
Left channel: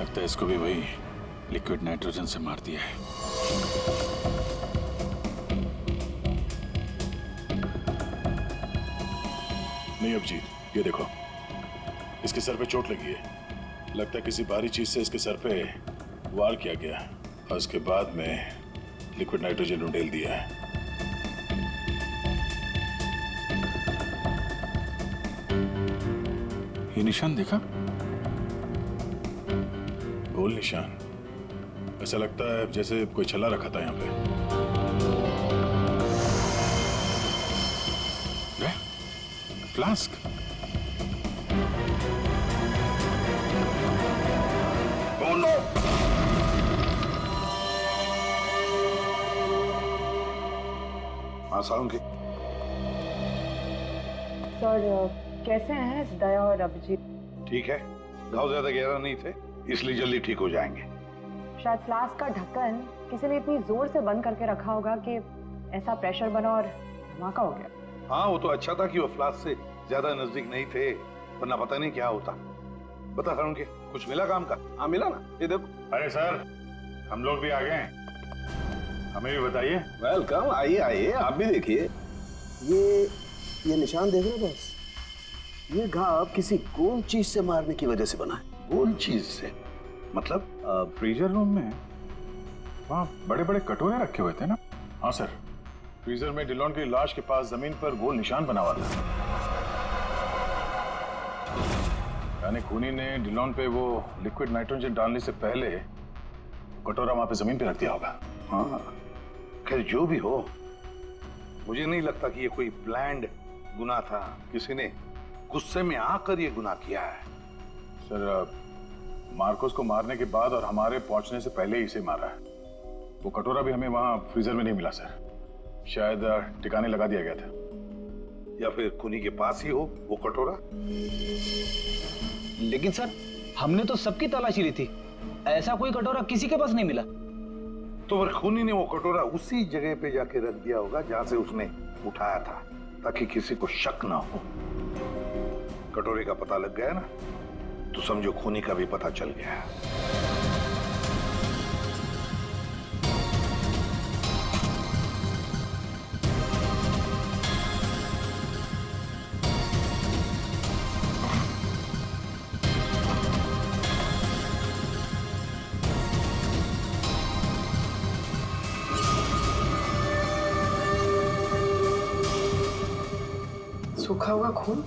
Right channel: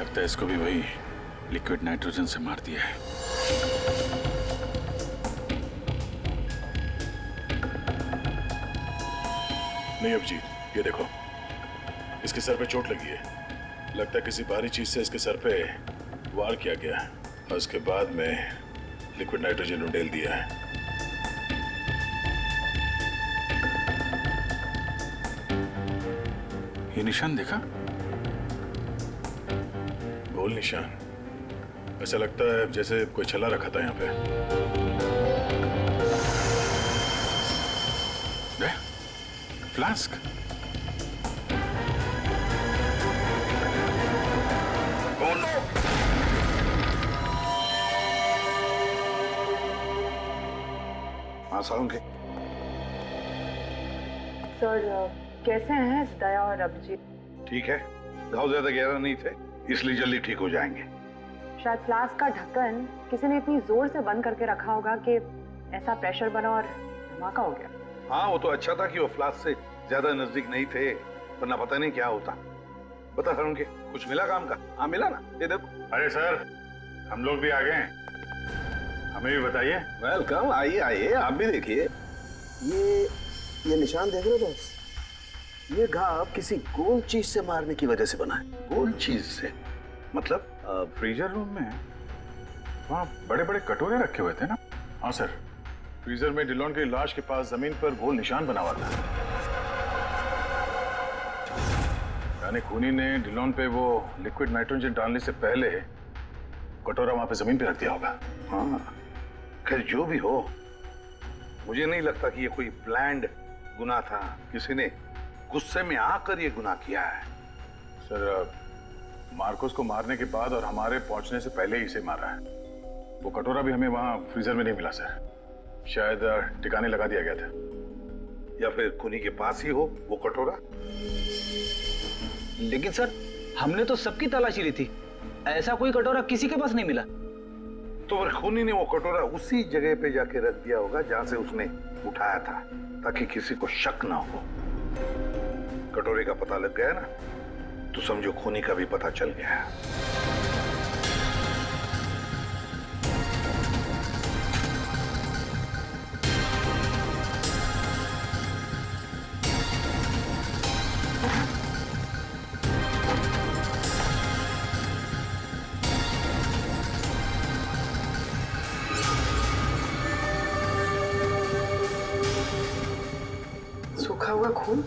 लगता है इसको भी वही लिक्विड नाइट्रोजन से मार दिया है। नहीं अभिजीत, ये देखो, इसके सर पे चोट लगी है। लगता है किसी भारी चीज से इसके सर पे वार किया गया और उसके बाद में लिक्विड नाइट्रोजन उंडेल दिया है। ये निशान देखा? गोल निशान, ऐसा लगता है जैसे कोई छल्ला रखा था यहाँ पे। फ्लास्क। Oh no! हाँ सालुंके। सर कैसे हैं दया और अभिजीत? ठीक है, घाव ज्यादा गहरा नहीं थे इसलिए जल्दी ठीक हो जाएंगे। शायद फ्लास्क का ढक्कन किसी ने इतनी जोर से बंद करके रखा होगा कि ऐसा प्रेशर बना और धमाका हो गया। हाँ वो तो अच्छा था कि वो फ्लास्क से ज्यादा नजदीक नहीं थे, वरना पता नहीं क्या होता। बता सालुंके, कुछ मिला काम का? हाँ मिला ना, ये देखो। अरे सर, हम लोग भी आ गए हैं, हमें भी बताइए। वेलकम, आइए आइए, आप भी देखिए। ये निशान देख रहे हो बॉस? ये घाव किसी गोल चीज से मारने की वजह से बना है। गोल चीज से मतलब? फ्रीजर रूम में वहाँ बड़े बड़े कटोरे रखे हुए थे ना? हाँ सर, फ्रीजर में डिलोन की लाश के पास जमीन पर गोल निशान बना हुआ था। यानी खूनी ने डिलोन पे वो लिक्विड नाइट्रोजन डालने से पहले कटोरा वहां पे जमीन पे रख दिया होगा। हाँ, खैर जो भी हो, मुझे नहीं लगता कि ये कोई प्लान्ड गुनाह था। किसी ने गुस्से में आकर ये गुनाह किया है। सर, मार्कोस को मारने के बाद और हमारे पहुंचने से पहले ही इसे मारा है। वो कटोरा भी हमें वहां फ्रीजर में नहीं मिला सर, शायद ठिकाने लगा दिया गया था। या फिर खूनी के पास ही हो वो कटोरा। लेकिन सर, हमने तो सबकी तलाशी ली थी, ऐसा कोई कटोरा किसी के पास नहीं मिला। तो फिर खूनी ने वो कटोरा उसी जगह पे जाके रख दिया होगा जहां से उसने उठाया था, ताकि किसी को शक ना हो। कटोरे का पता लग गया ना, तो समझो खूनी का भी पता चल गया। सूखा हुआ खून?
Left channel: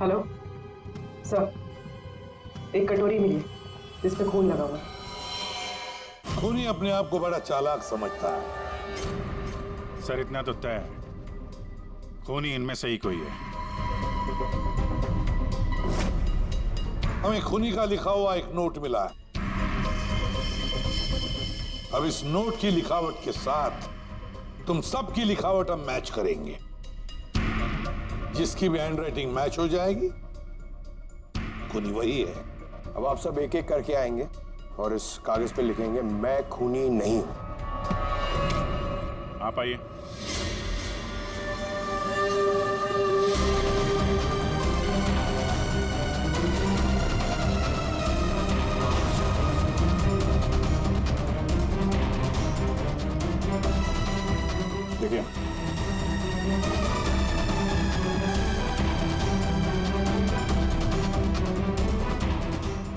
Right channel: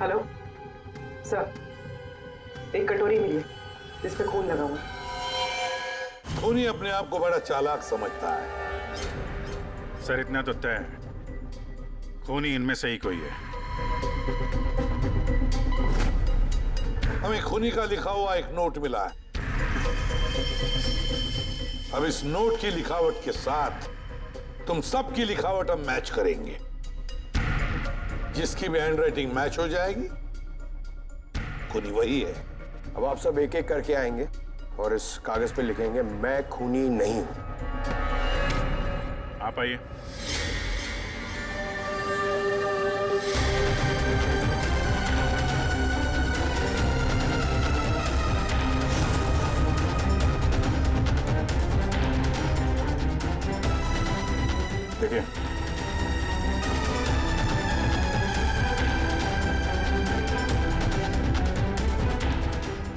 हेलो सर, एक कटोरी मिली जिस पे खून लगा हुआ। खूनी अपने आप को बड़ा चालाक समझता है। सर इतना तो तय है, खूनी इनमें से ही कोई है। हमें खूनी का लिखा हुआ एक नोट मिला है। अब इस नोट की लिखावट के साथ तुम सबकी लिखावट हम मैच करेंगे। जिसकी भी हैंडराइटिंग मैच हो जाएगी, खूनी वही है। अब आप सब एक एक करके आएंगे और इस कागज पे लिखेंगे, मैं खूनी नहीं हूं। आप आइए। देखिए,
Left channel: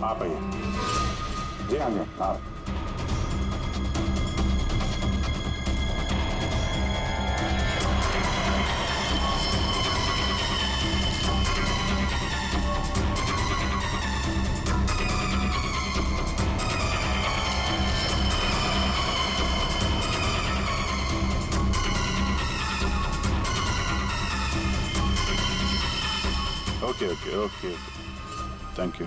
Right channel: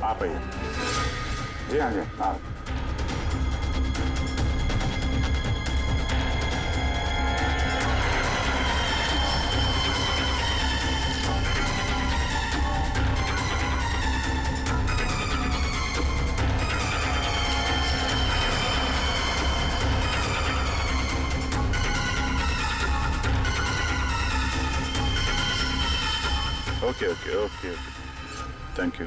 आप आइए। जी हाँ जी, आप। Okay okay okay thank you.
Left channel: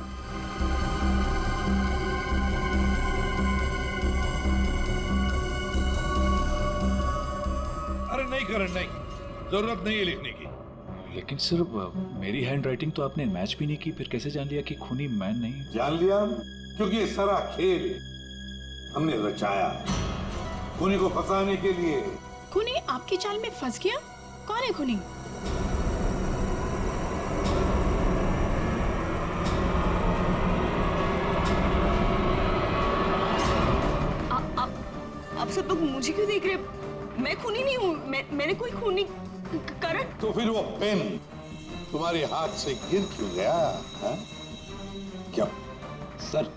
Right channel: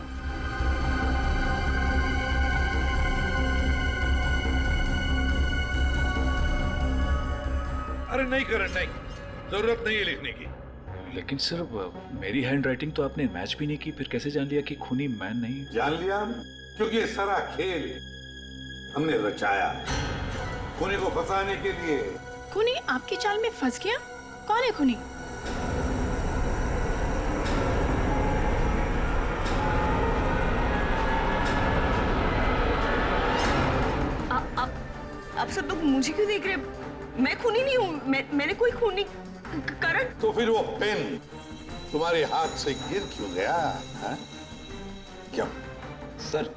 अरे नहीं करण, नहीं, जरूरत नहीं है लिखने की। लेकिन सर मेरी हैंड राइटिंग तो आपने मैच भी नहीं की, फिर कैसे जान लिया कि खूनी मैं नहीं? जान लिया, क्योंकि ये सारा खेल हमने रचाया खूनी को फंसाने के लिए। खूनी आपकी चाल में फंस गया? कौन है खूनी? आप सब लोग मुझे क्यों देख रहे हैं? मैं खूनी नहीं हूँ, मैंने कोई खूनी करण। तो फिर वो पेन तुम्हारे हाथ से गिर क्यों गया है? क्या सर,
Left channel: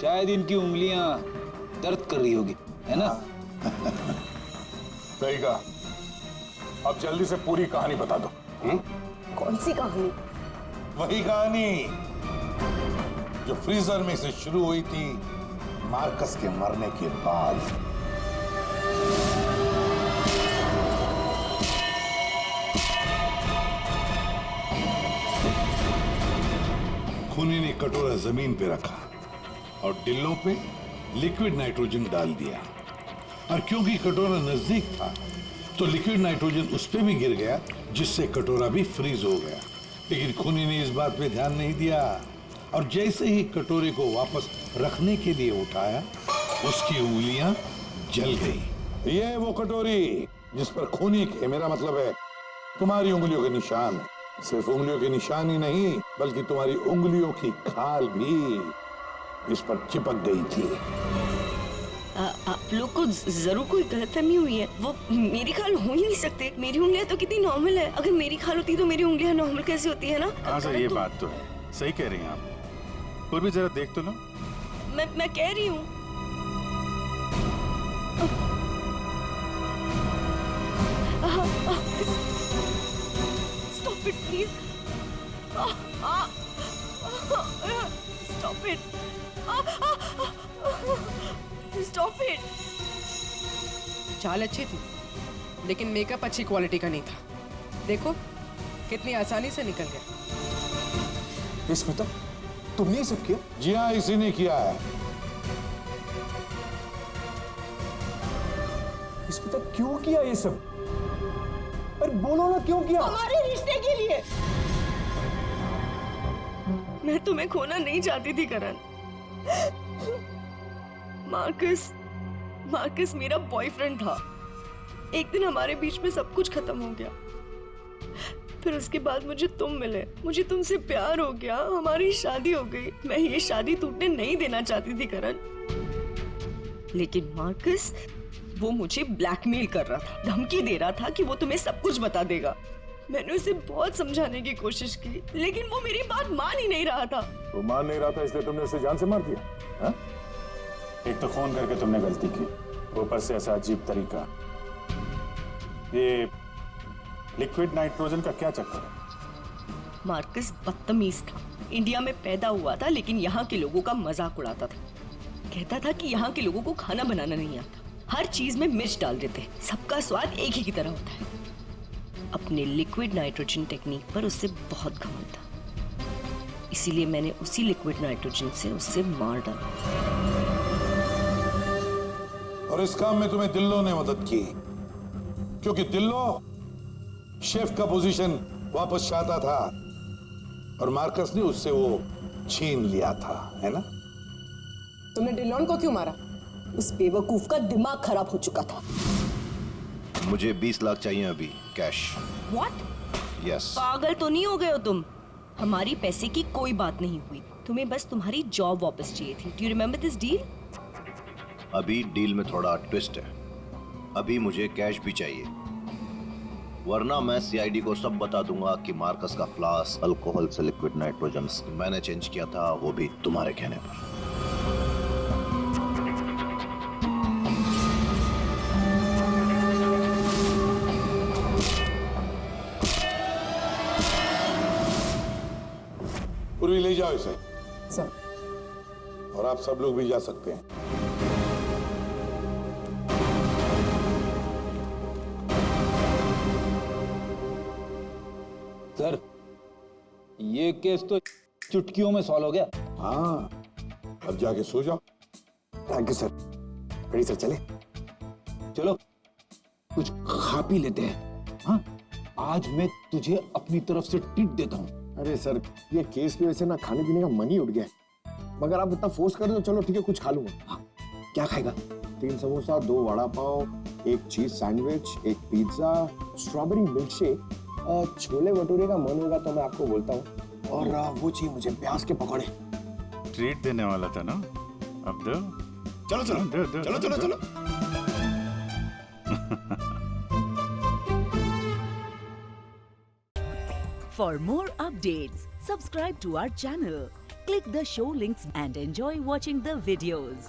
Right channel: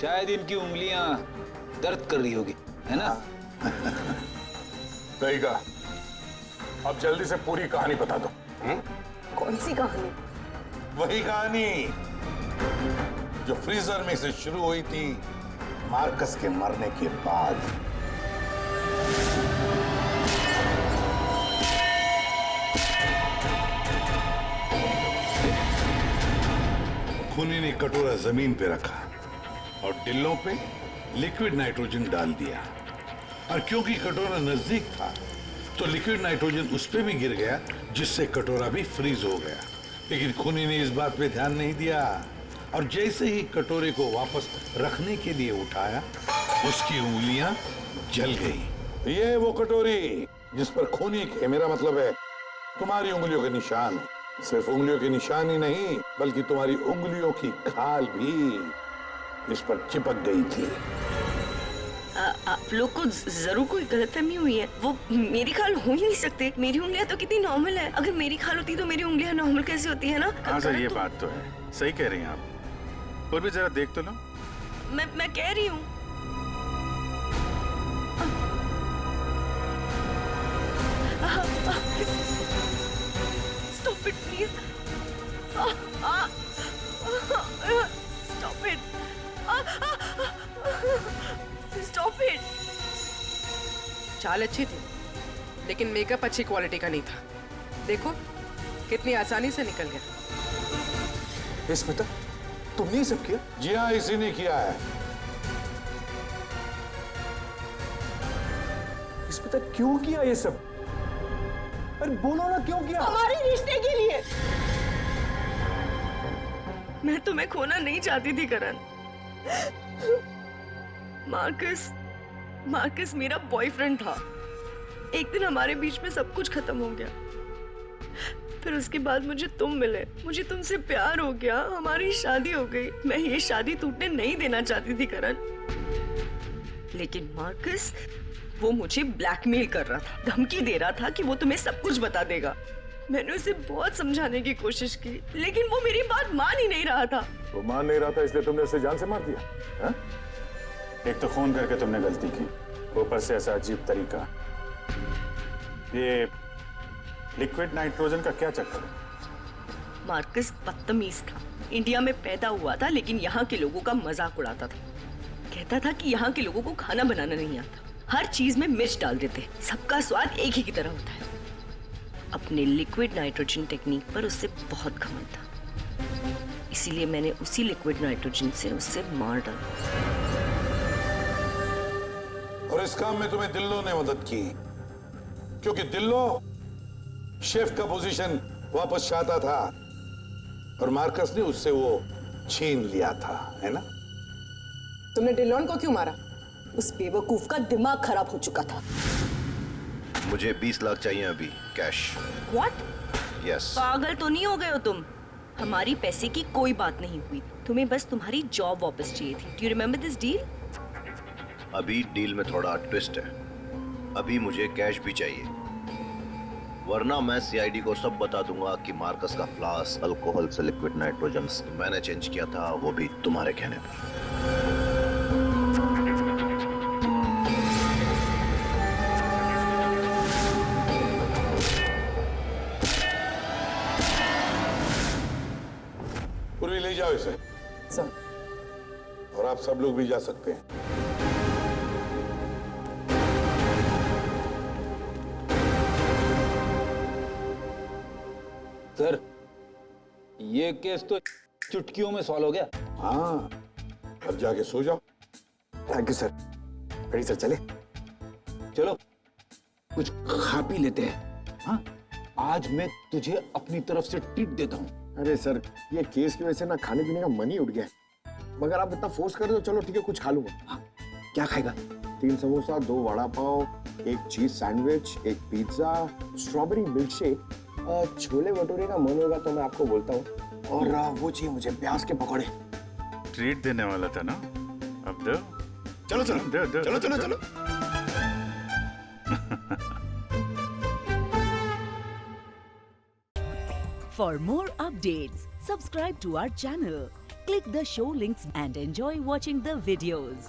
शायद इनकी उंगलियां दर्द कर रही होगी, है ना? सही कहा। अब जल्दी से पूरी कहानी बता दो। कौन सी कहानी? वही कहानी जो फ्रीजर में से शुरू हुई थी मार्कस के मरने के बाद। खूनी ने कटोरा जमीन पे रखा और डिल्लों पे लिक्विड नाइट्रोजन डाल दिया, और क्योंकि कटोरा नजदीक था तो लिक्विड नाइट्रोजन उस पे भी गिर गया, जिससे कटोरा भी फ्रीज हो गया। लेकिन खूनी ने इस बात पे ध्यान नहीं दिया, और जैसे ही कटोरे को वापस रखने के लिए उठाया, उसकी उंगलियां जल गई। ये वो कटोरी जिस पर खूनी के, मेरा मतलब है तुम्हारी उंगलियों के निशान है। सिर्फ उंगलियों के निशान ही नहीं, बल्कि तुम्हारी उंगलियों की खाल भी इस पर चिपक गई थी। आप लोग को जरूर कोई गलतफहमी हुई है। वो मेरी खाल हो ही नहीं सकते। मेरी उंगलियां तो कितनी नॉर्मल है। अगर मेरी खाल होती तो मेरी उंगलियां नॉर्मल कैसे होती है ना? हाँ सर, ये बात तो है, सही कह रही हैं आप। और भी जरा देख तो लो। मैं कह रही हूँ। Stop it, please. Stop it. Stop it. चाल अच्छी थी, लेकिन मेकअप अच्छी क्वालिटी का नहीं था। देखो कितनी आसानी से निकल गया। स्मिता, तुमने ये सब किया? जी हाँ, इसी ने किया है। स्मिता, क्यों किया ये सब? अरे बोलो ना, क्यों किया? हमारे रिश्ते के लिए। मैं तुम्हें खोना नहीं चाहती थी करण। मार्कस मेरा बॉयफ्रेंड था। एक दिन हमारे बीच में सब कुछ खत्म हो गया। फिर उसके बाद मुझे तुम मिले, मुझे तुमसे प्यार हो गया, हमारी शादी हो गई। मैं ये शादी टूटने नहीं देना चाहती थी करण, लेकिन मार्कस वो मुझे ब्लैकमेल कर रहा था, धमकी दे रहा था कि वो तुम्हें सब कुछ बता देगा। मैंने उसे बहुत समझाने की कोशिश की, लेकिन वो मेरी बात मान ही नहीं रहा था। वो मान नहीं रहा था, इसलिए तुमने उसे जान से मार दिया? हा? एक तो खून करके तुमने गलती की, ऊपर से ऐसा अजीब तरीका। ये लिक्विड नाइट्रोजन का क्या चक्कर है? मार्कस बदतमीज था। इंडिया में पैदा हुआ था, लेकिन यहाँ के लोगों का मजाक उड़ाता था। कहता था कि यहाँ के लोगों को खाना बनाना नहीं आता, हर चीज में मिर्च डाल देते, सबका स्वाद एक ही की तरह होता है। अपने लिक्विड नाइट्रोजन टेक्निक पर उससे बहुत घमंड था, इसीलिए मैंने उसी लिक्विड नाइट्रोजन से उससे मार डाला। और इस काम में तुम्हें दिल्लो ने मदद की, क्योंकि दिल्लो शेफ का पोजीशन वापस चाहता था, और मार्कस ने उससे वो छीन लिया था, है ना? तुमने डिलोन को क्यों मारा? उस बेवकूफ का दिमाग खराब हो चुका था। मुझे 20 लाख चाहिए अभी, कैश। What? यस। पागल तो नहीं हो गए हो तुम? हमारी पैसे की कोई बात नहीं हुई, तुम्हें बस तुम्हारी जॉब वापस चाहिए थी। Do you remember this deal? अभी डील में थोड़ा ट्विस्ट है। अभी मुझे कैश भी चाहिए, वरना मैं सीआईडी को सब बता दूंगा कि मार्कस का फ्लास्क अल्कोहल से लिक्विड नाइट्रोजन मैंने चेंज किया था, वो भी तुम्हारे कहने पर। पूर्वी ले जाओ इसे। सर। और आप सब लोग भी जा सकते हैं। सर, ये केस तो चुटकियों में सॉल्व हो गया। हाँ, अब जाके सो जाओ। Thank you sir. Ready sir, चले? चलो कुछ खा पी लेते हैं। हाँ, आज मैं तुझे अपनी तरफ से ट्रीट देता हूँ। अरे सर, ये केस की वजह से ना खाने पीने का मन ही उठ गया है। मगर आप इतना फोर्स कर रहे हो, चलो ठीक है, कुछ खा लूंगा। हाँ, क्या खाएगा? 3 samosa, 2 vada pav, 1 cheese sandwich, 1 pizza, strawberry milk shake, chole bhature का मन होगा तो मैं आपको बोलता हूँ, और वो चाहिए मुझे प्याज के पकौड़े। ट्रीट देने वाला था ना, अब दो। चलो चलो दो, चलो चलो चलो। For more updates, subscribe to our channel, click the show links and enjoy watching the videos.